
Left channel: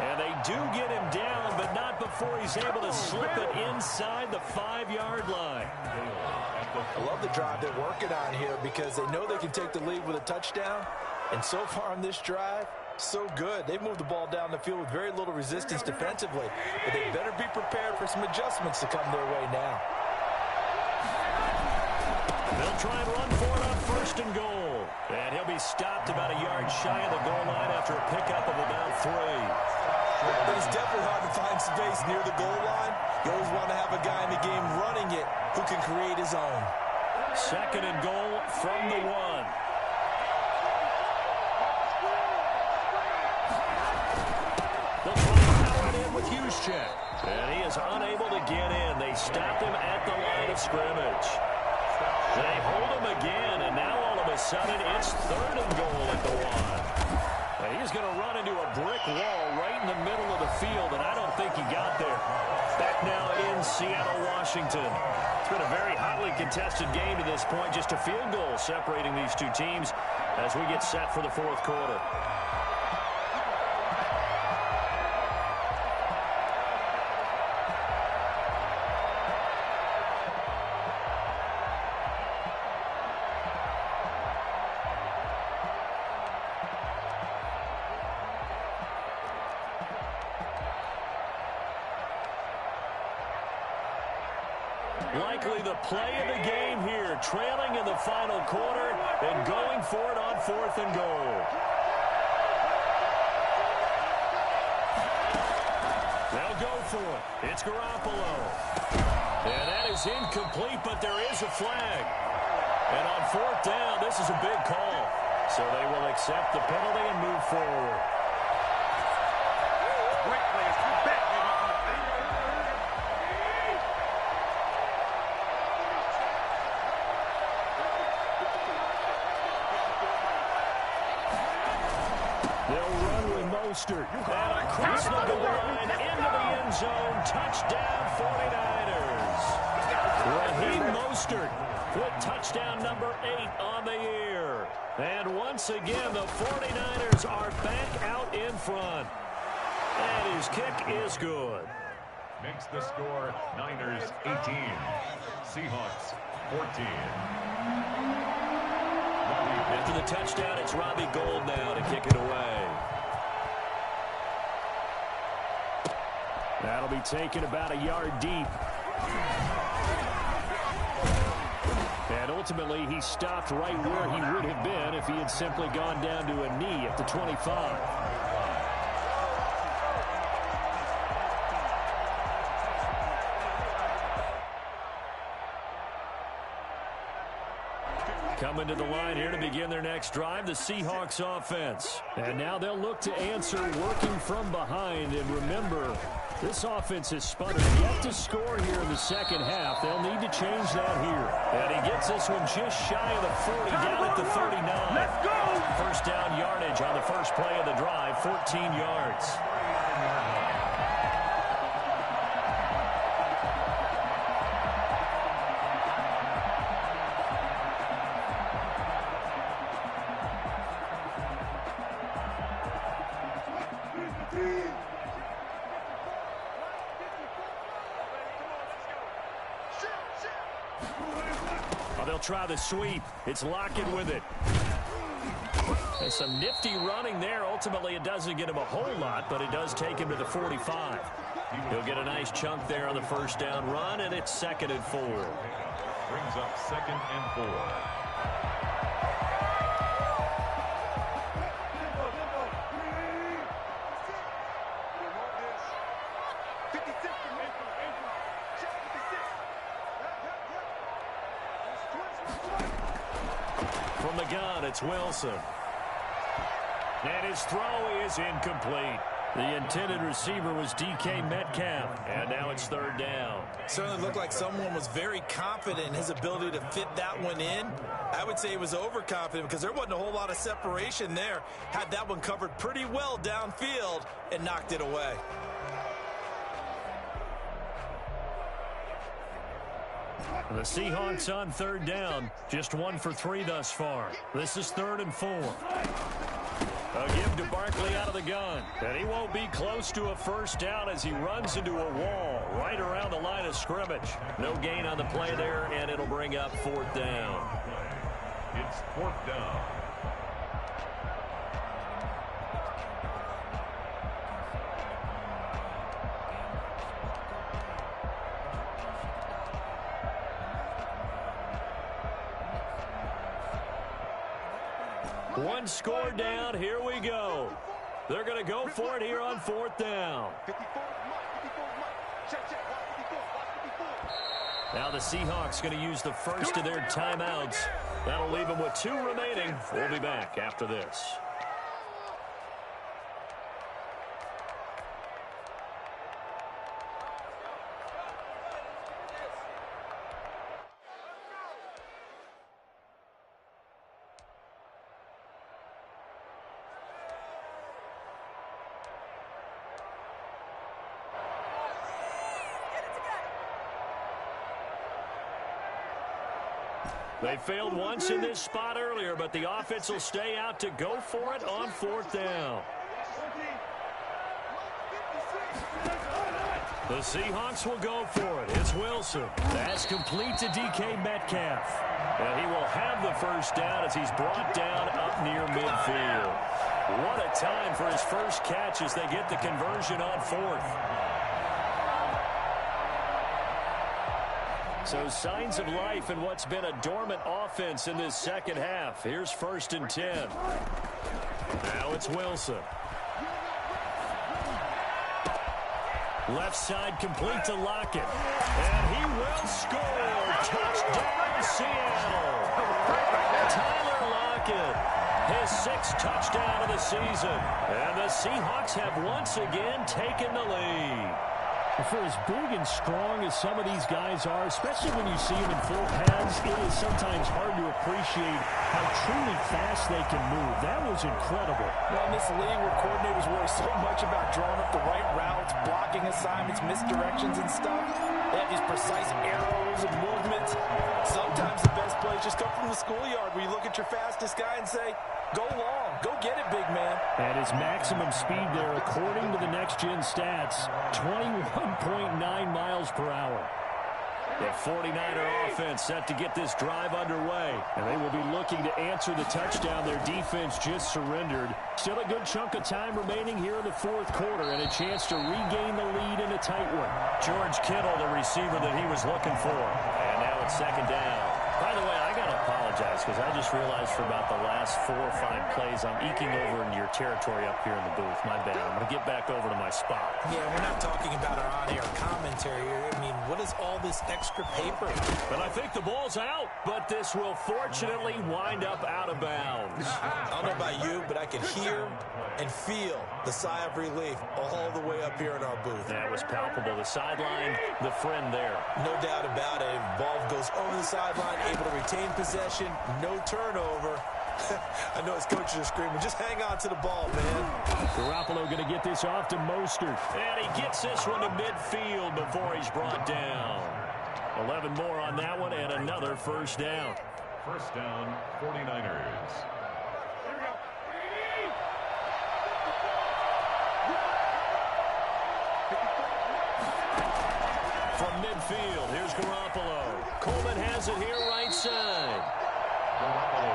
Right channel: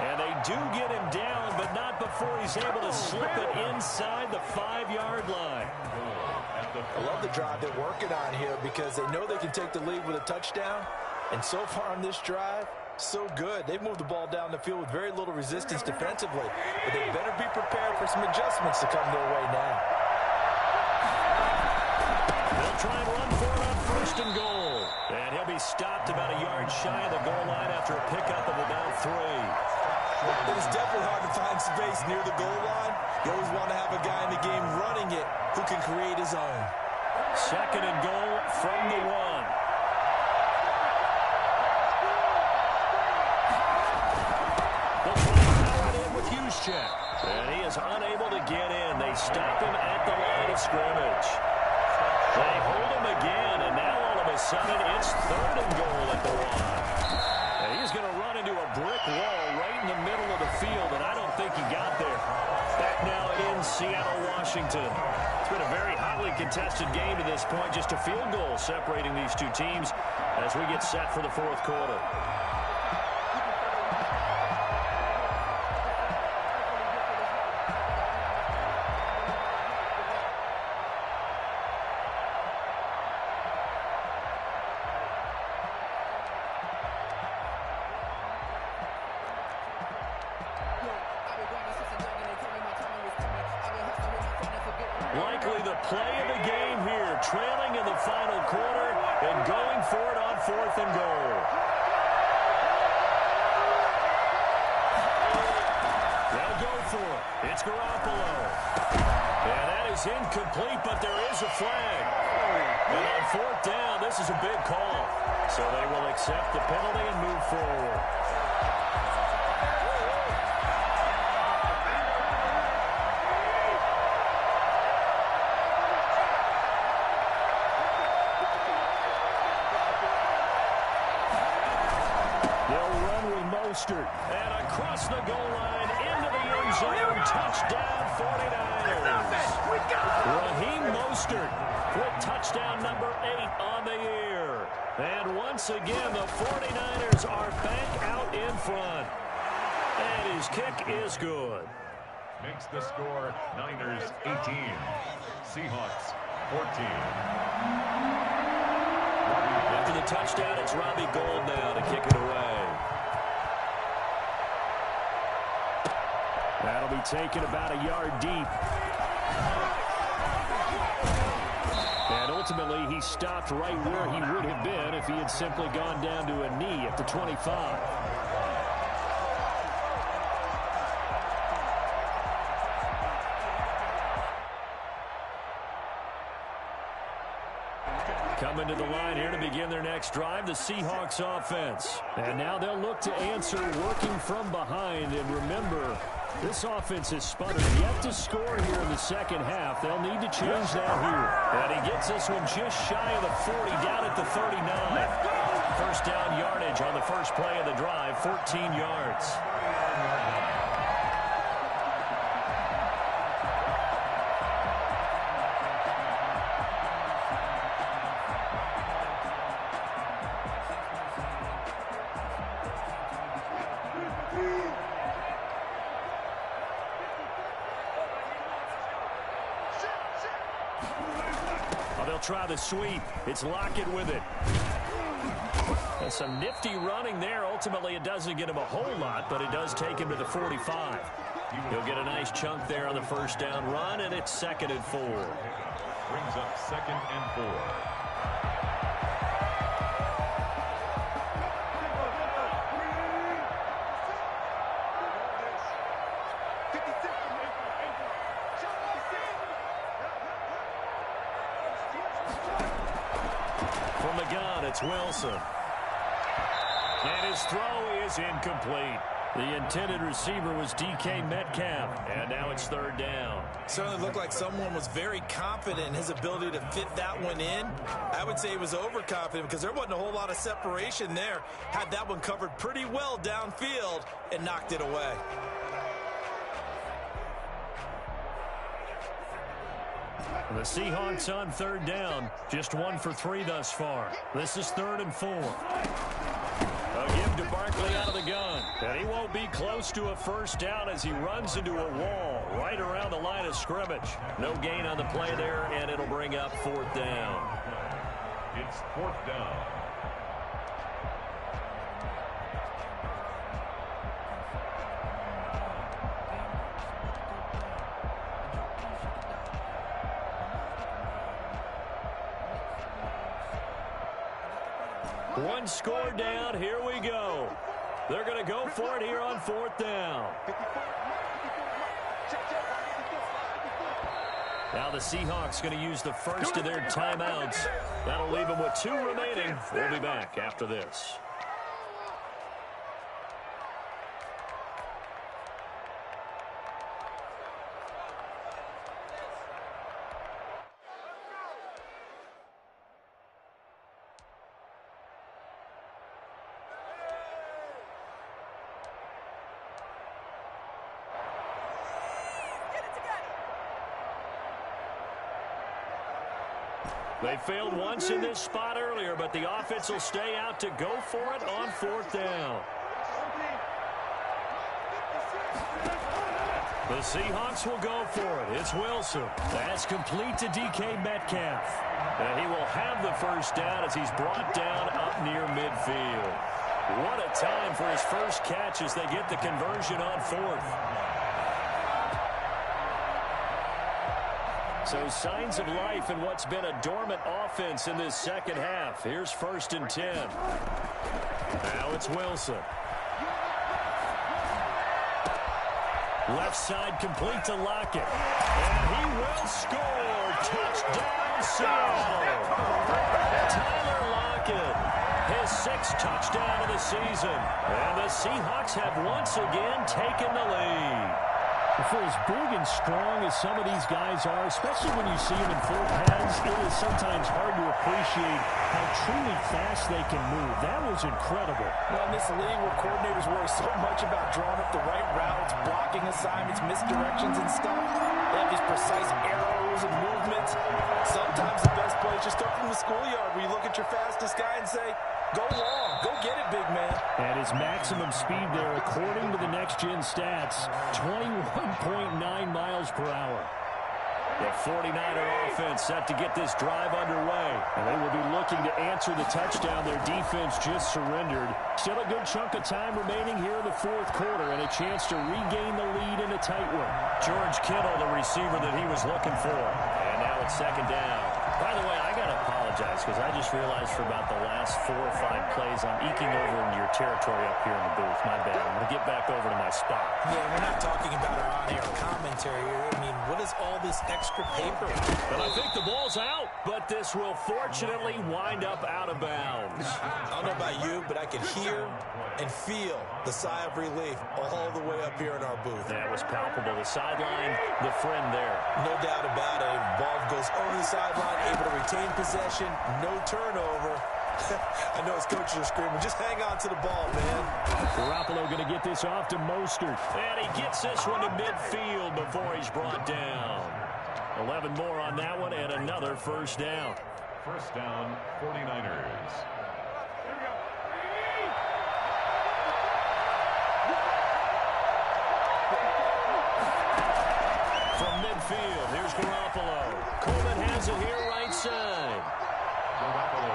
And they do get him down, but not before he's able to slip it inside the 5-yard line. I love the drive they're working on here because they know they can take the lead with a touchdown. And so far on this drive, so good. They've moved the ball down the field with very little resistance defensively. But they better be prepared for some adjustments to come their way now. They'll try and run for it on 1st and goal. And he'll be stopped about a yard shy of the goal line after a pickup of about 3. It is definitely hard to find space near the goal line. You always want to have a guy in the game running it who can create his own. 2nd and goal from the 1. They'll try to power it in with Juszczyk. And he is unable to get in. They stop him at the line of scrimmage. They hold him again, and now all of a sudden it's 3rd and goal at the 1. And he's going to run into a brick wall right in the middle of the field, and I don't think he got there. Back now in Seattle, Washington. It's been a very hotly contested game to this point. Just a field goal separating these two teams as we get set for the 4th quarter. Likely the play of the game here, trailing in the final quarter and going for it on 4th and goal. They'll go for it. It's Garoppolo. And that is incomplete, but there is a flag. And on 4th down, this is a big call. So they will accept the penalty and move forward. And across the goal line, into the end zone, touchdown 49ers. Raheem Mostert with touchdown number 8 on the year. And once again, the 49ers are back out in front. And his kick is good. Makes the score Niners 18, Seahawks 14. After the touchdown, it's Robbie Gould now to kick it away. That'll be taken about a yard deep. And ultimately, he stopped right where he would have been if he had simply gone down to a knee at the 25. Coming to the line here to begin their next drive, the Seahawks offense. And now they'll look to answer working from behind. And remember, this offense has sputtered yet to score here in the 2nd half. They'll need to change that here. And he gets this one just shy of the 40, down at the 39. Let's go! 1st down yardage on the first play of the drive, 14 yards. They'll try the sweep. It's Lockett with it. There's some nifty running there. Ultimately, it doesn't get him a whole lot, but it does take him to the 45. He'll get a nice chunk there on the 1st down run, and it's 2nd and 4. Brings up 2nd and 4. From the gun, it's Wilson. And his throw is incomplete. The intended receiver was DK Metcalf. And now it's 3rd down. Certainly looked like someone was very confident in his ability to fit that one in. I would say he was overconfident because there wasn't a whole lot of separation there. Had that one covered pretty well downfield and knocked it away. The Seahawks on 3rd down. Just 1 for 3 thus far. This is 3rd and 4. A give to Barkley out of the gun. And he won't be close to a first down as he runs into a wall right around the line of scrimmage. No gain on the play there, and it'll bring up fourth down. It's fourth down. One score down. Here we go. They're going to go for it here on fourth down. Now the Seahawks going to use the first of their timeouts. That'll leave them with 2 remaining. We'll be back after this. They failed once in this spot earlier, but the offense will stay out to go for it on fourth down. The Seahawks will go for it. It's Wilson. That's complete to DK Metcalf. And he will have the first down as he's brought down up near midfield. What a time for his first catch as they get the conversion on fourth. So signs of life in what's been a dormant offense in this second half. Here's 1st and 10. Now it's Wilson. Left side complete to Lockett. And he will score. Touchdown, Seattle. Tyler Lockett, his 6th touchdown of the season. And the Seahawks have once again taken the lead. For as big and strong as some of these guys are, especially when you see them in full pads, it is sometimes hard to appreciate how truly fast they can move. That was incredible. Well, in this league where coordinators worry so much about drawing up the right routes, blocking assignments, misdirections and stuff, they have these precise arrows and movements. Sometimes the best plays just come from the schoolyard where you look at your fastest guy and say, go long. Go get it, big man. And his maximum speed there, according to the next-gen stats, 21.9 miles per hour. The 49er offense set to get this drive underway. And they will be looking to answer the touchdown their defense just surrendered. Still a good chunk of time remaining here in the fourth quarter and a chance to regain the lead in a tight one. George Kittle, the receiver that he was looking for. And now it's 2nd down. By the way, I got to apologize because I just realized for about the last 4 or 5 plays I'm eking over into your territory up here in the booth. My bad. I'm going to get back over to my spot. Yeah, we're not talking about our on-air commentary here. I mean, what is all this extra paper? But I think the ball's out, but this will fortunately wind up out of bounds. I don't know about you, but I can hear and feel the sigh of relief all the way up here in our booth. That was palpable. The sideline, the friend there. No doubt about it. Ball goes over the sideline, able to retain possession, no turnover. I know his coaches are screaming, just hang on to the ball, man. Garoppolo going to get this off to Mostert. And he gets this one to midfield before he's brought down. 11 more on that one and another first down. First down, 49ers. From midfield, here's Garoppolo. Coleman has it here right side.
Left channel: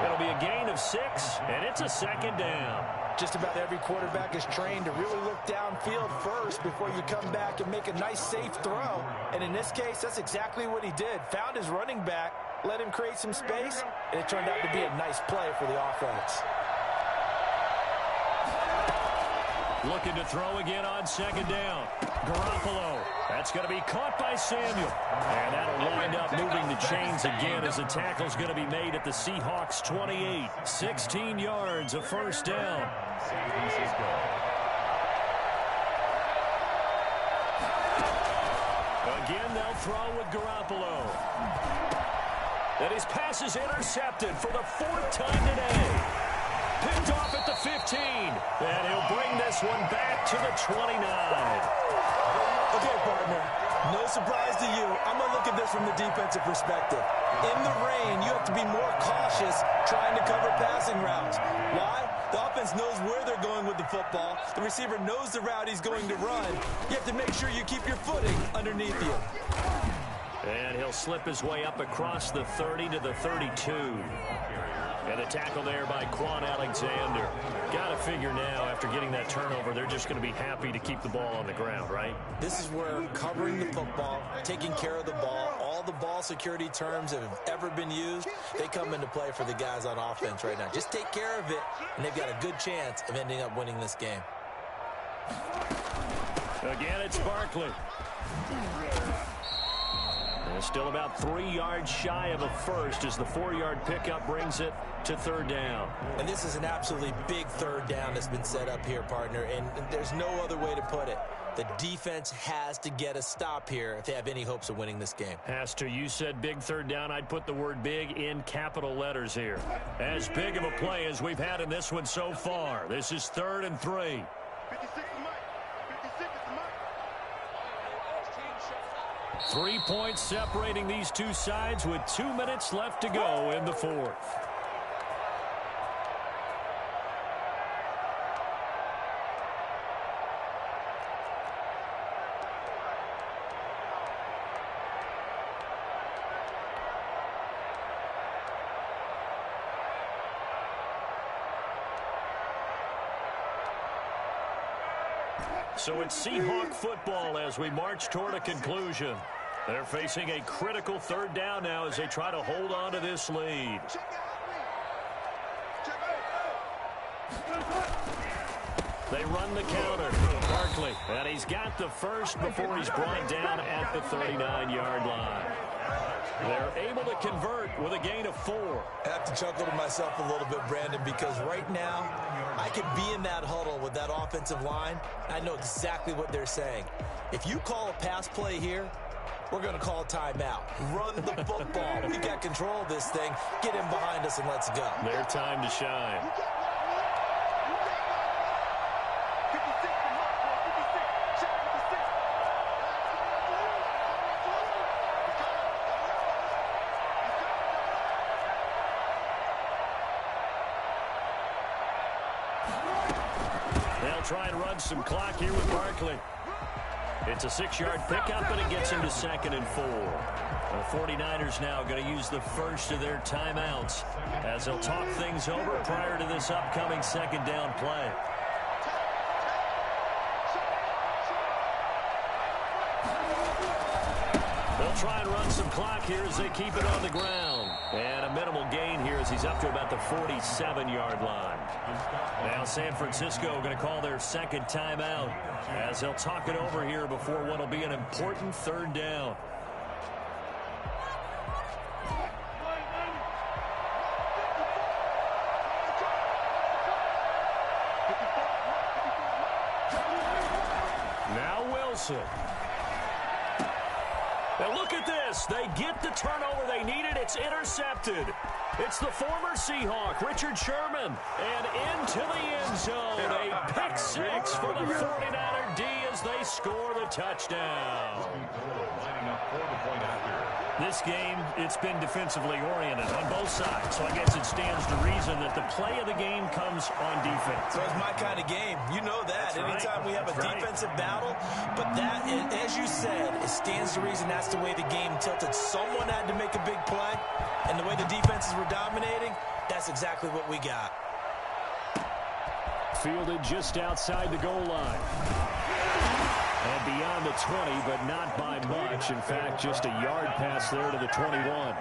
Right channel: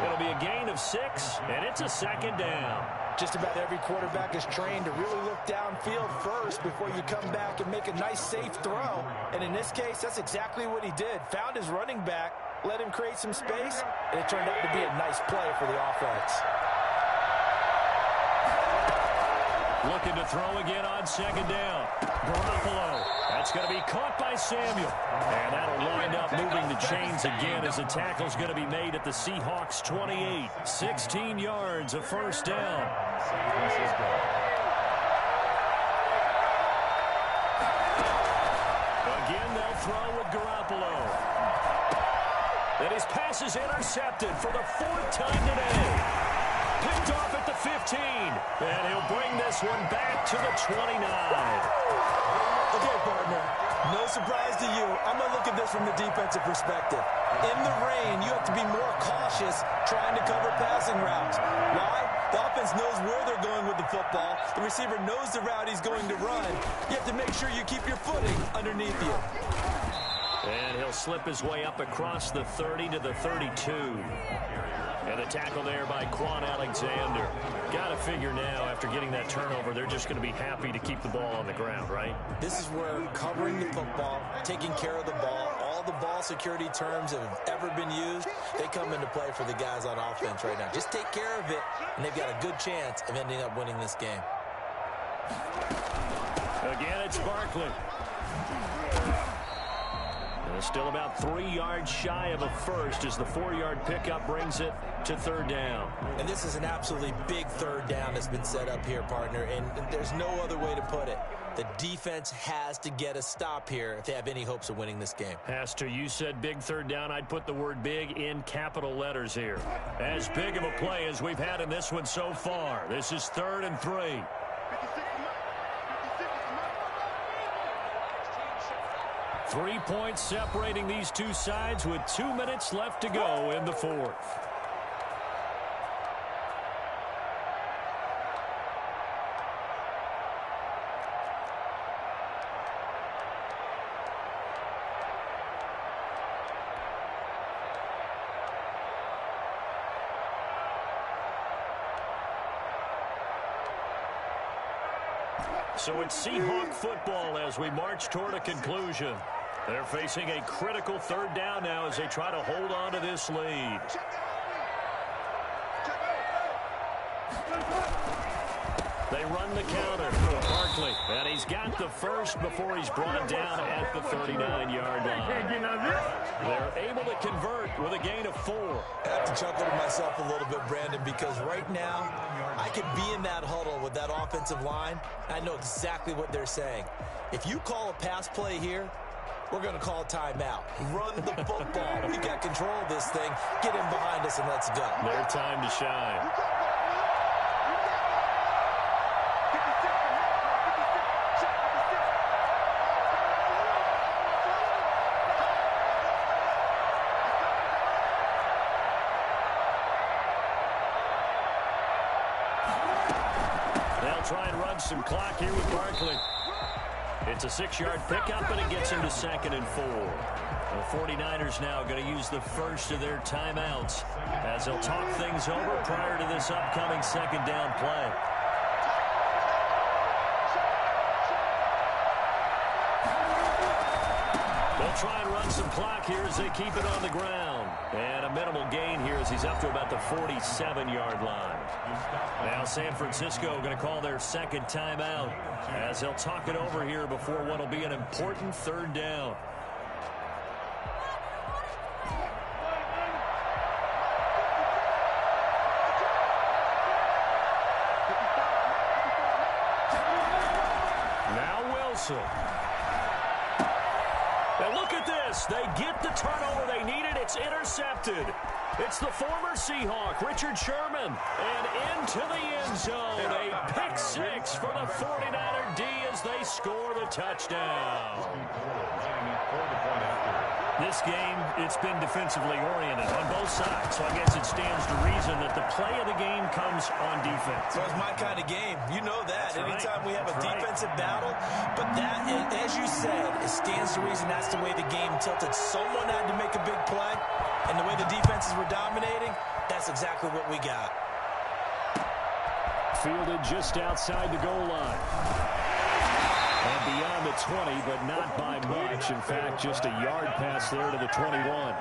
It'll be a gain of 6, and it's a 2nd down. Just about every quarterback is trained to really look downfield first before you come back and make a nice, safe throw. And in this case, that's exactly what he did. Found his running back, let him create some space, and it turned out to be a nice play for the offense. Looking to throw again on 2nd down. Garoppolo. That's going to be caught by Samuel. And that'll wind up moving the chains again as the tackle's going to be made at the Seahawks 28. 16 yards, a first down. San Francisco. Again, they'll throw with Garoppolo. And his pass is intercepted for the 4th time today. Picked off at the 15. And he'll bring this one back to the 29. Okay, partner, No surprise to you. I'm going to look at this from the defensive perspective. In the rain, you have to be more cautious trying to cover passing routes. Why? The offense knows where they're going with the football. The receiver knows the route he's going to run. You have to make sure you keep your footing underneath you. And he'll slip his way up across the 30 to the 32. And the tackle there by Quan Alexander. Got to figure now, after getting that turnover, they're just going to be happy to keep the ball on the ground, right? This is where covering the football, taking care of the ball, all the ball security terms that have ever been used, they come into play for the guys on offense right now. Just take care of it, and they've got a good chance of ending up winning this game. Again, it's Barkley. And still about 3 yards shy of a first as the 4-yard pickup brings it to third down. And this is an absolutely big third down that's been set up here, partner, and there's no other way to put it. The defense has to get a stop here if they have any hopes of winning this game. Has to. You said big third down. I'd put the word big in capital letters here. As big of a play as we've had in this one so far. This is 3rd and 3. 3 points separating these two sides with 2 minutes left to go in the 4th. So it's Seahawk football as we march toward a conclusion. They're facing a critical third down now as they try to hold on to this lead. They run the counter. Barkley, and he's got the first before he's brought down at the 39-yard line. They're able to convert with a gain of 4. I have to chuckle to myself a little bit, Brandon, because right now I could be in that huddle with that offensive line. I know exactly what they're saying. If you call a pass play here, we're going to call a timeout. Run the football. We've got control of this thing. Get in behind us and let's go. Their time to shine. They'll try and run some clock here with Barkley. It's a 6-yard pickup, and it gets him to 2nd and 4. The 49ers now going to use the first of their timeouts as they'll talk things over prior to this upcoming 2nd down play. They'll try and run some clock here as they keep it on the ground. And a minimal gain here as he's up to about the 47-yard line. Now San Francisco going to call their 2nd timeout as they'll talk it over here before what will be an important 3rd down. Now Wilson. Now look at this. They get the turnover they needed. It's intercepted. It's the former Seahawk, Richard Sherman. And into the end zone. A pick 6 for the 49er D as they score the touchdown. This game, it's been defensively oriented on both sides. So I guess it stands to reason that the play of the game comes on defense. So it's my kind of game. You know that. That's Anytime right. we have a defensive battle. But that, as you said, it stands to reason that's the way the game tilted. Someone had to make a big play. And the way the defenses were dominating, that's exactly what we got. Fielded just outside the goal line. And beyond the 20, but not by much. In fact, just a yard pass there to the 21.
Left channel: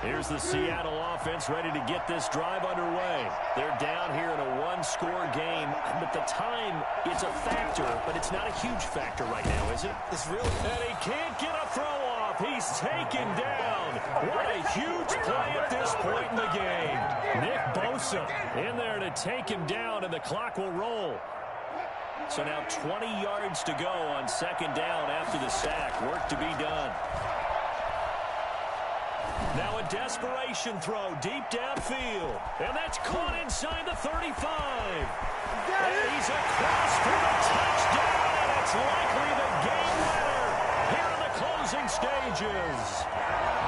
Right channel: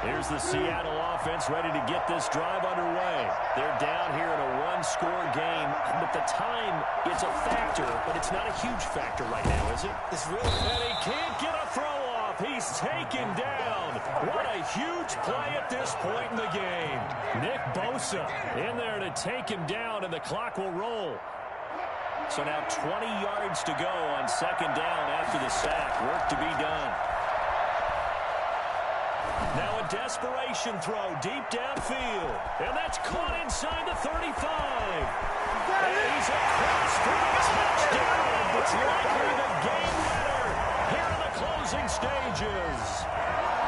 Here's the Seattle offense ready to get this drive underway. They're down here in a one-score game, but the time, it's a factor, but it's not a huge factor right now, is it? It's really... And he can't get a throw off. He's taken down. What a huge play at this point in the game. Nick Bosa in there to take him down, and the clock will roll. So now 20 yards to go on second down after the sack. Work to be done. Now a desperation throw deep downfield. And that's caught inside the 35. And he's across for the touchdown. And it's likely the game winner here in the closing stages.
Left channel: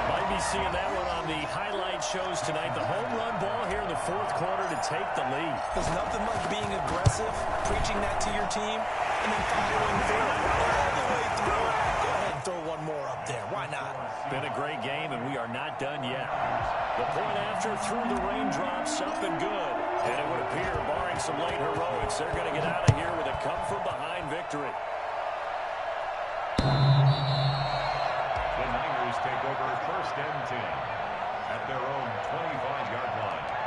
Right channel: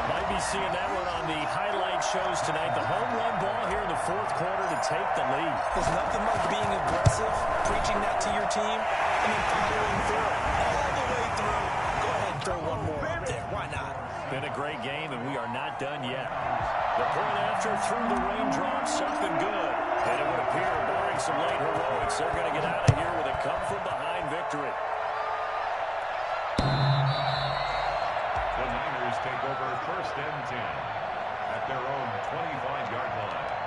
Might be seeing that one on the highlight shows tonight. The home run ball here in the fourth quarter to take the lead. There's nothing like being aggressive, preaching that to your team, and then following through all the way through. Go ahead and throw one more up there. Why not? Been a great game, and we are not done yet. The point after through the raindrops, up and good. And it would appear, barring some late heroics, they're going to get out of here with a come-from-behind victory. The Niners take over first and 10 at their own 25-yard line.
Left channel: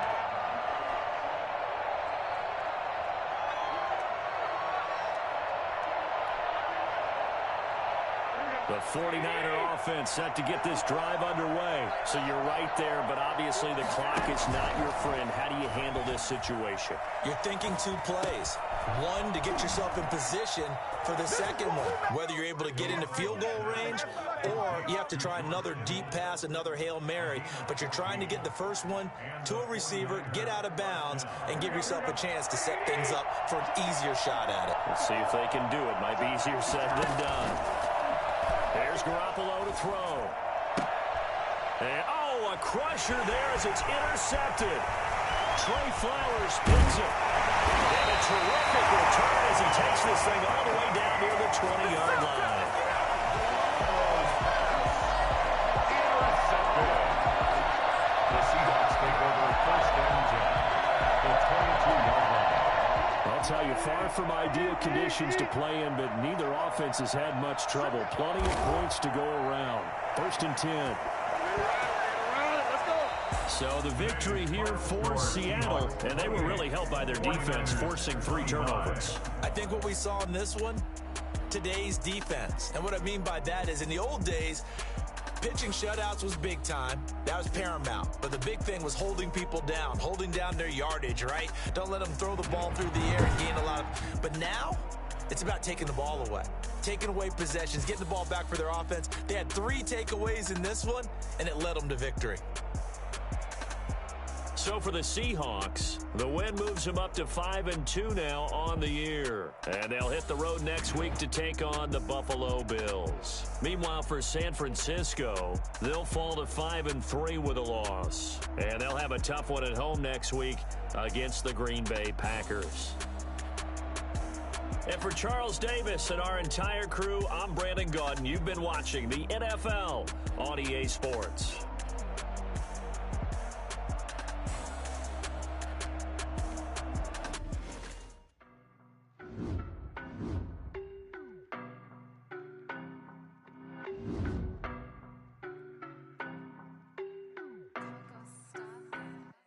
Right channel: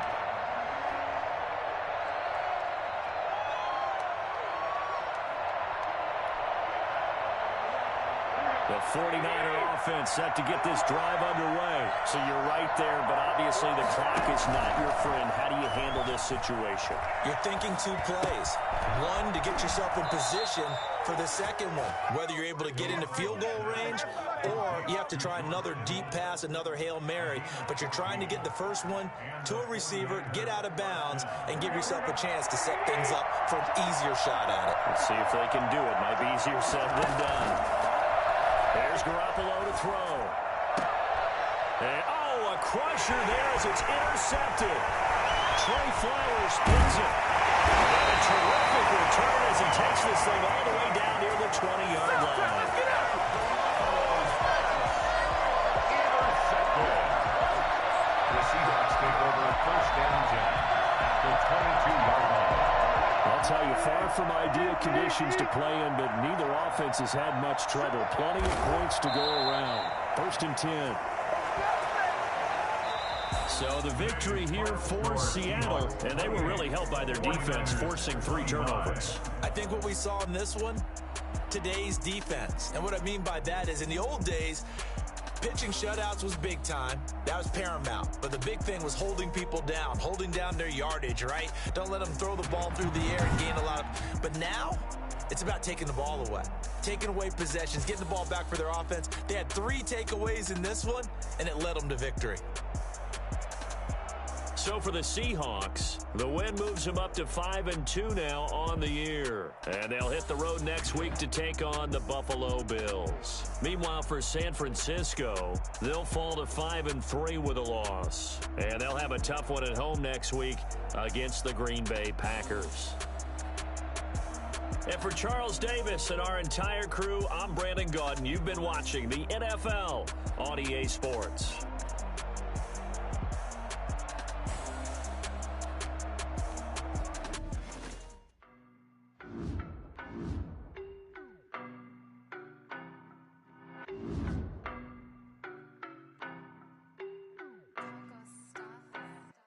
The 49er offense set to get this drive underway. So you're right there, but obviously the clock is not your friend. How do you handle this situation? You're thinking two plays. One, to get yourself in position for the second one, whether you're able to get into field goal range or you have to try another deep pass, another Hail Mary, but you're trying to get the first one to a receiver, get out of bounds, and give yourself a chance to set things up for an easier shot at it. Let's see if they can do it. Might be easier said than done. There's Garoppolo to throw. And, oh, a crusher there as it's intercepted. Trey Flowers pins it. And a terrific return as he takes this thing all the way down near the 20-yard line. Intercepted. The Seahawks take over first and 10 at the 22-yard line. I'll tell you, far from ideal conditions to play in, but neither offense has had much trouble. Plenty of points to go around. First and 10. So the victory here for Seattle, and they were really helped by their defense, forcing 3 turnovers. I think what we saw in this one, today's defense. And what I mean by that is in the old days, pitching shutouts was big time. That was paramount. But the big thing was holding people down, holding down their yardage, right? Don't let them throw the ball through the air and gain a lot of... But now, it's about taking the ball away. Taking away possessions, getting the ball back for their offense. They had 3 takeaways in this one, and it led them to victory. So for the Seahawks, the win moves them up to 5-2 now on the year. And they'll hit the road next week to take on the Buffalo Bills. Meanwhile, for San Francisco, they'll fall to 5-3 with a loss. And they'll have a tough one at home next week against the Green Bay Packers. And for Charles Davis and our entire crew, I'm Brandon Gaudin. You've been watching the NFL on EA Sports.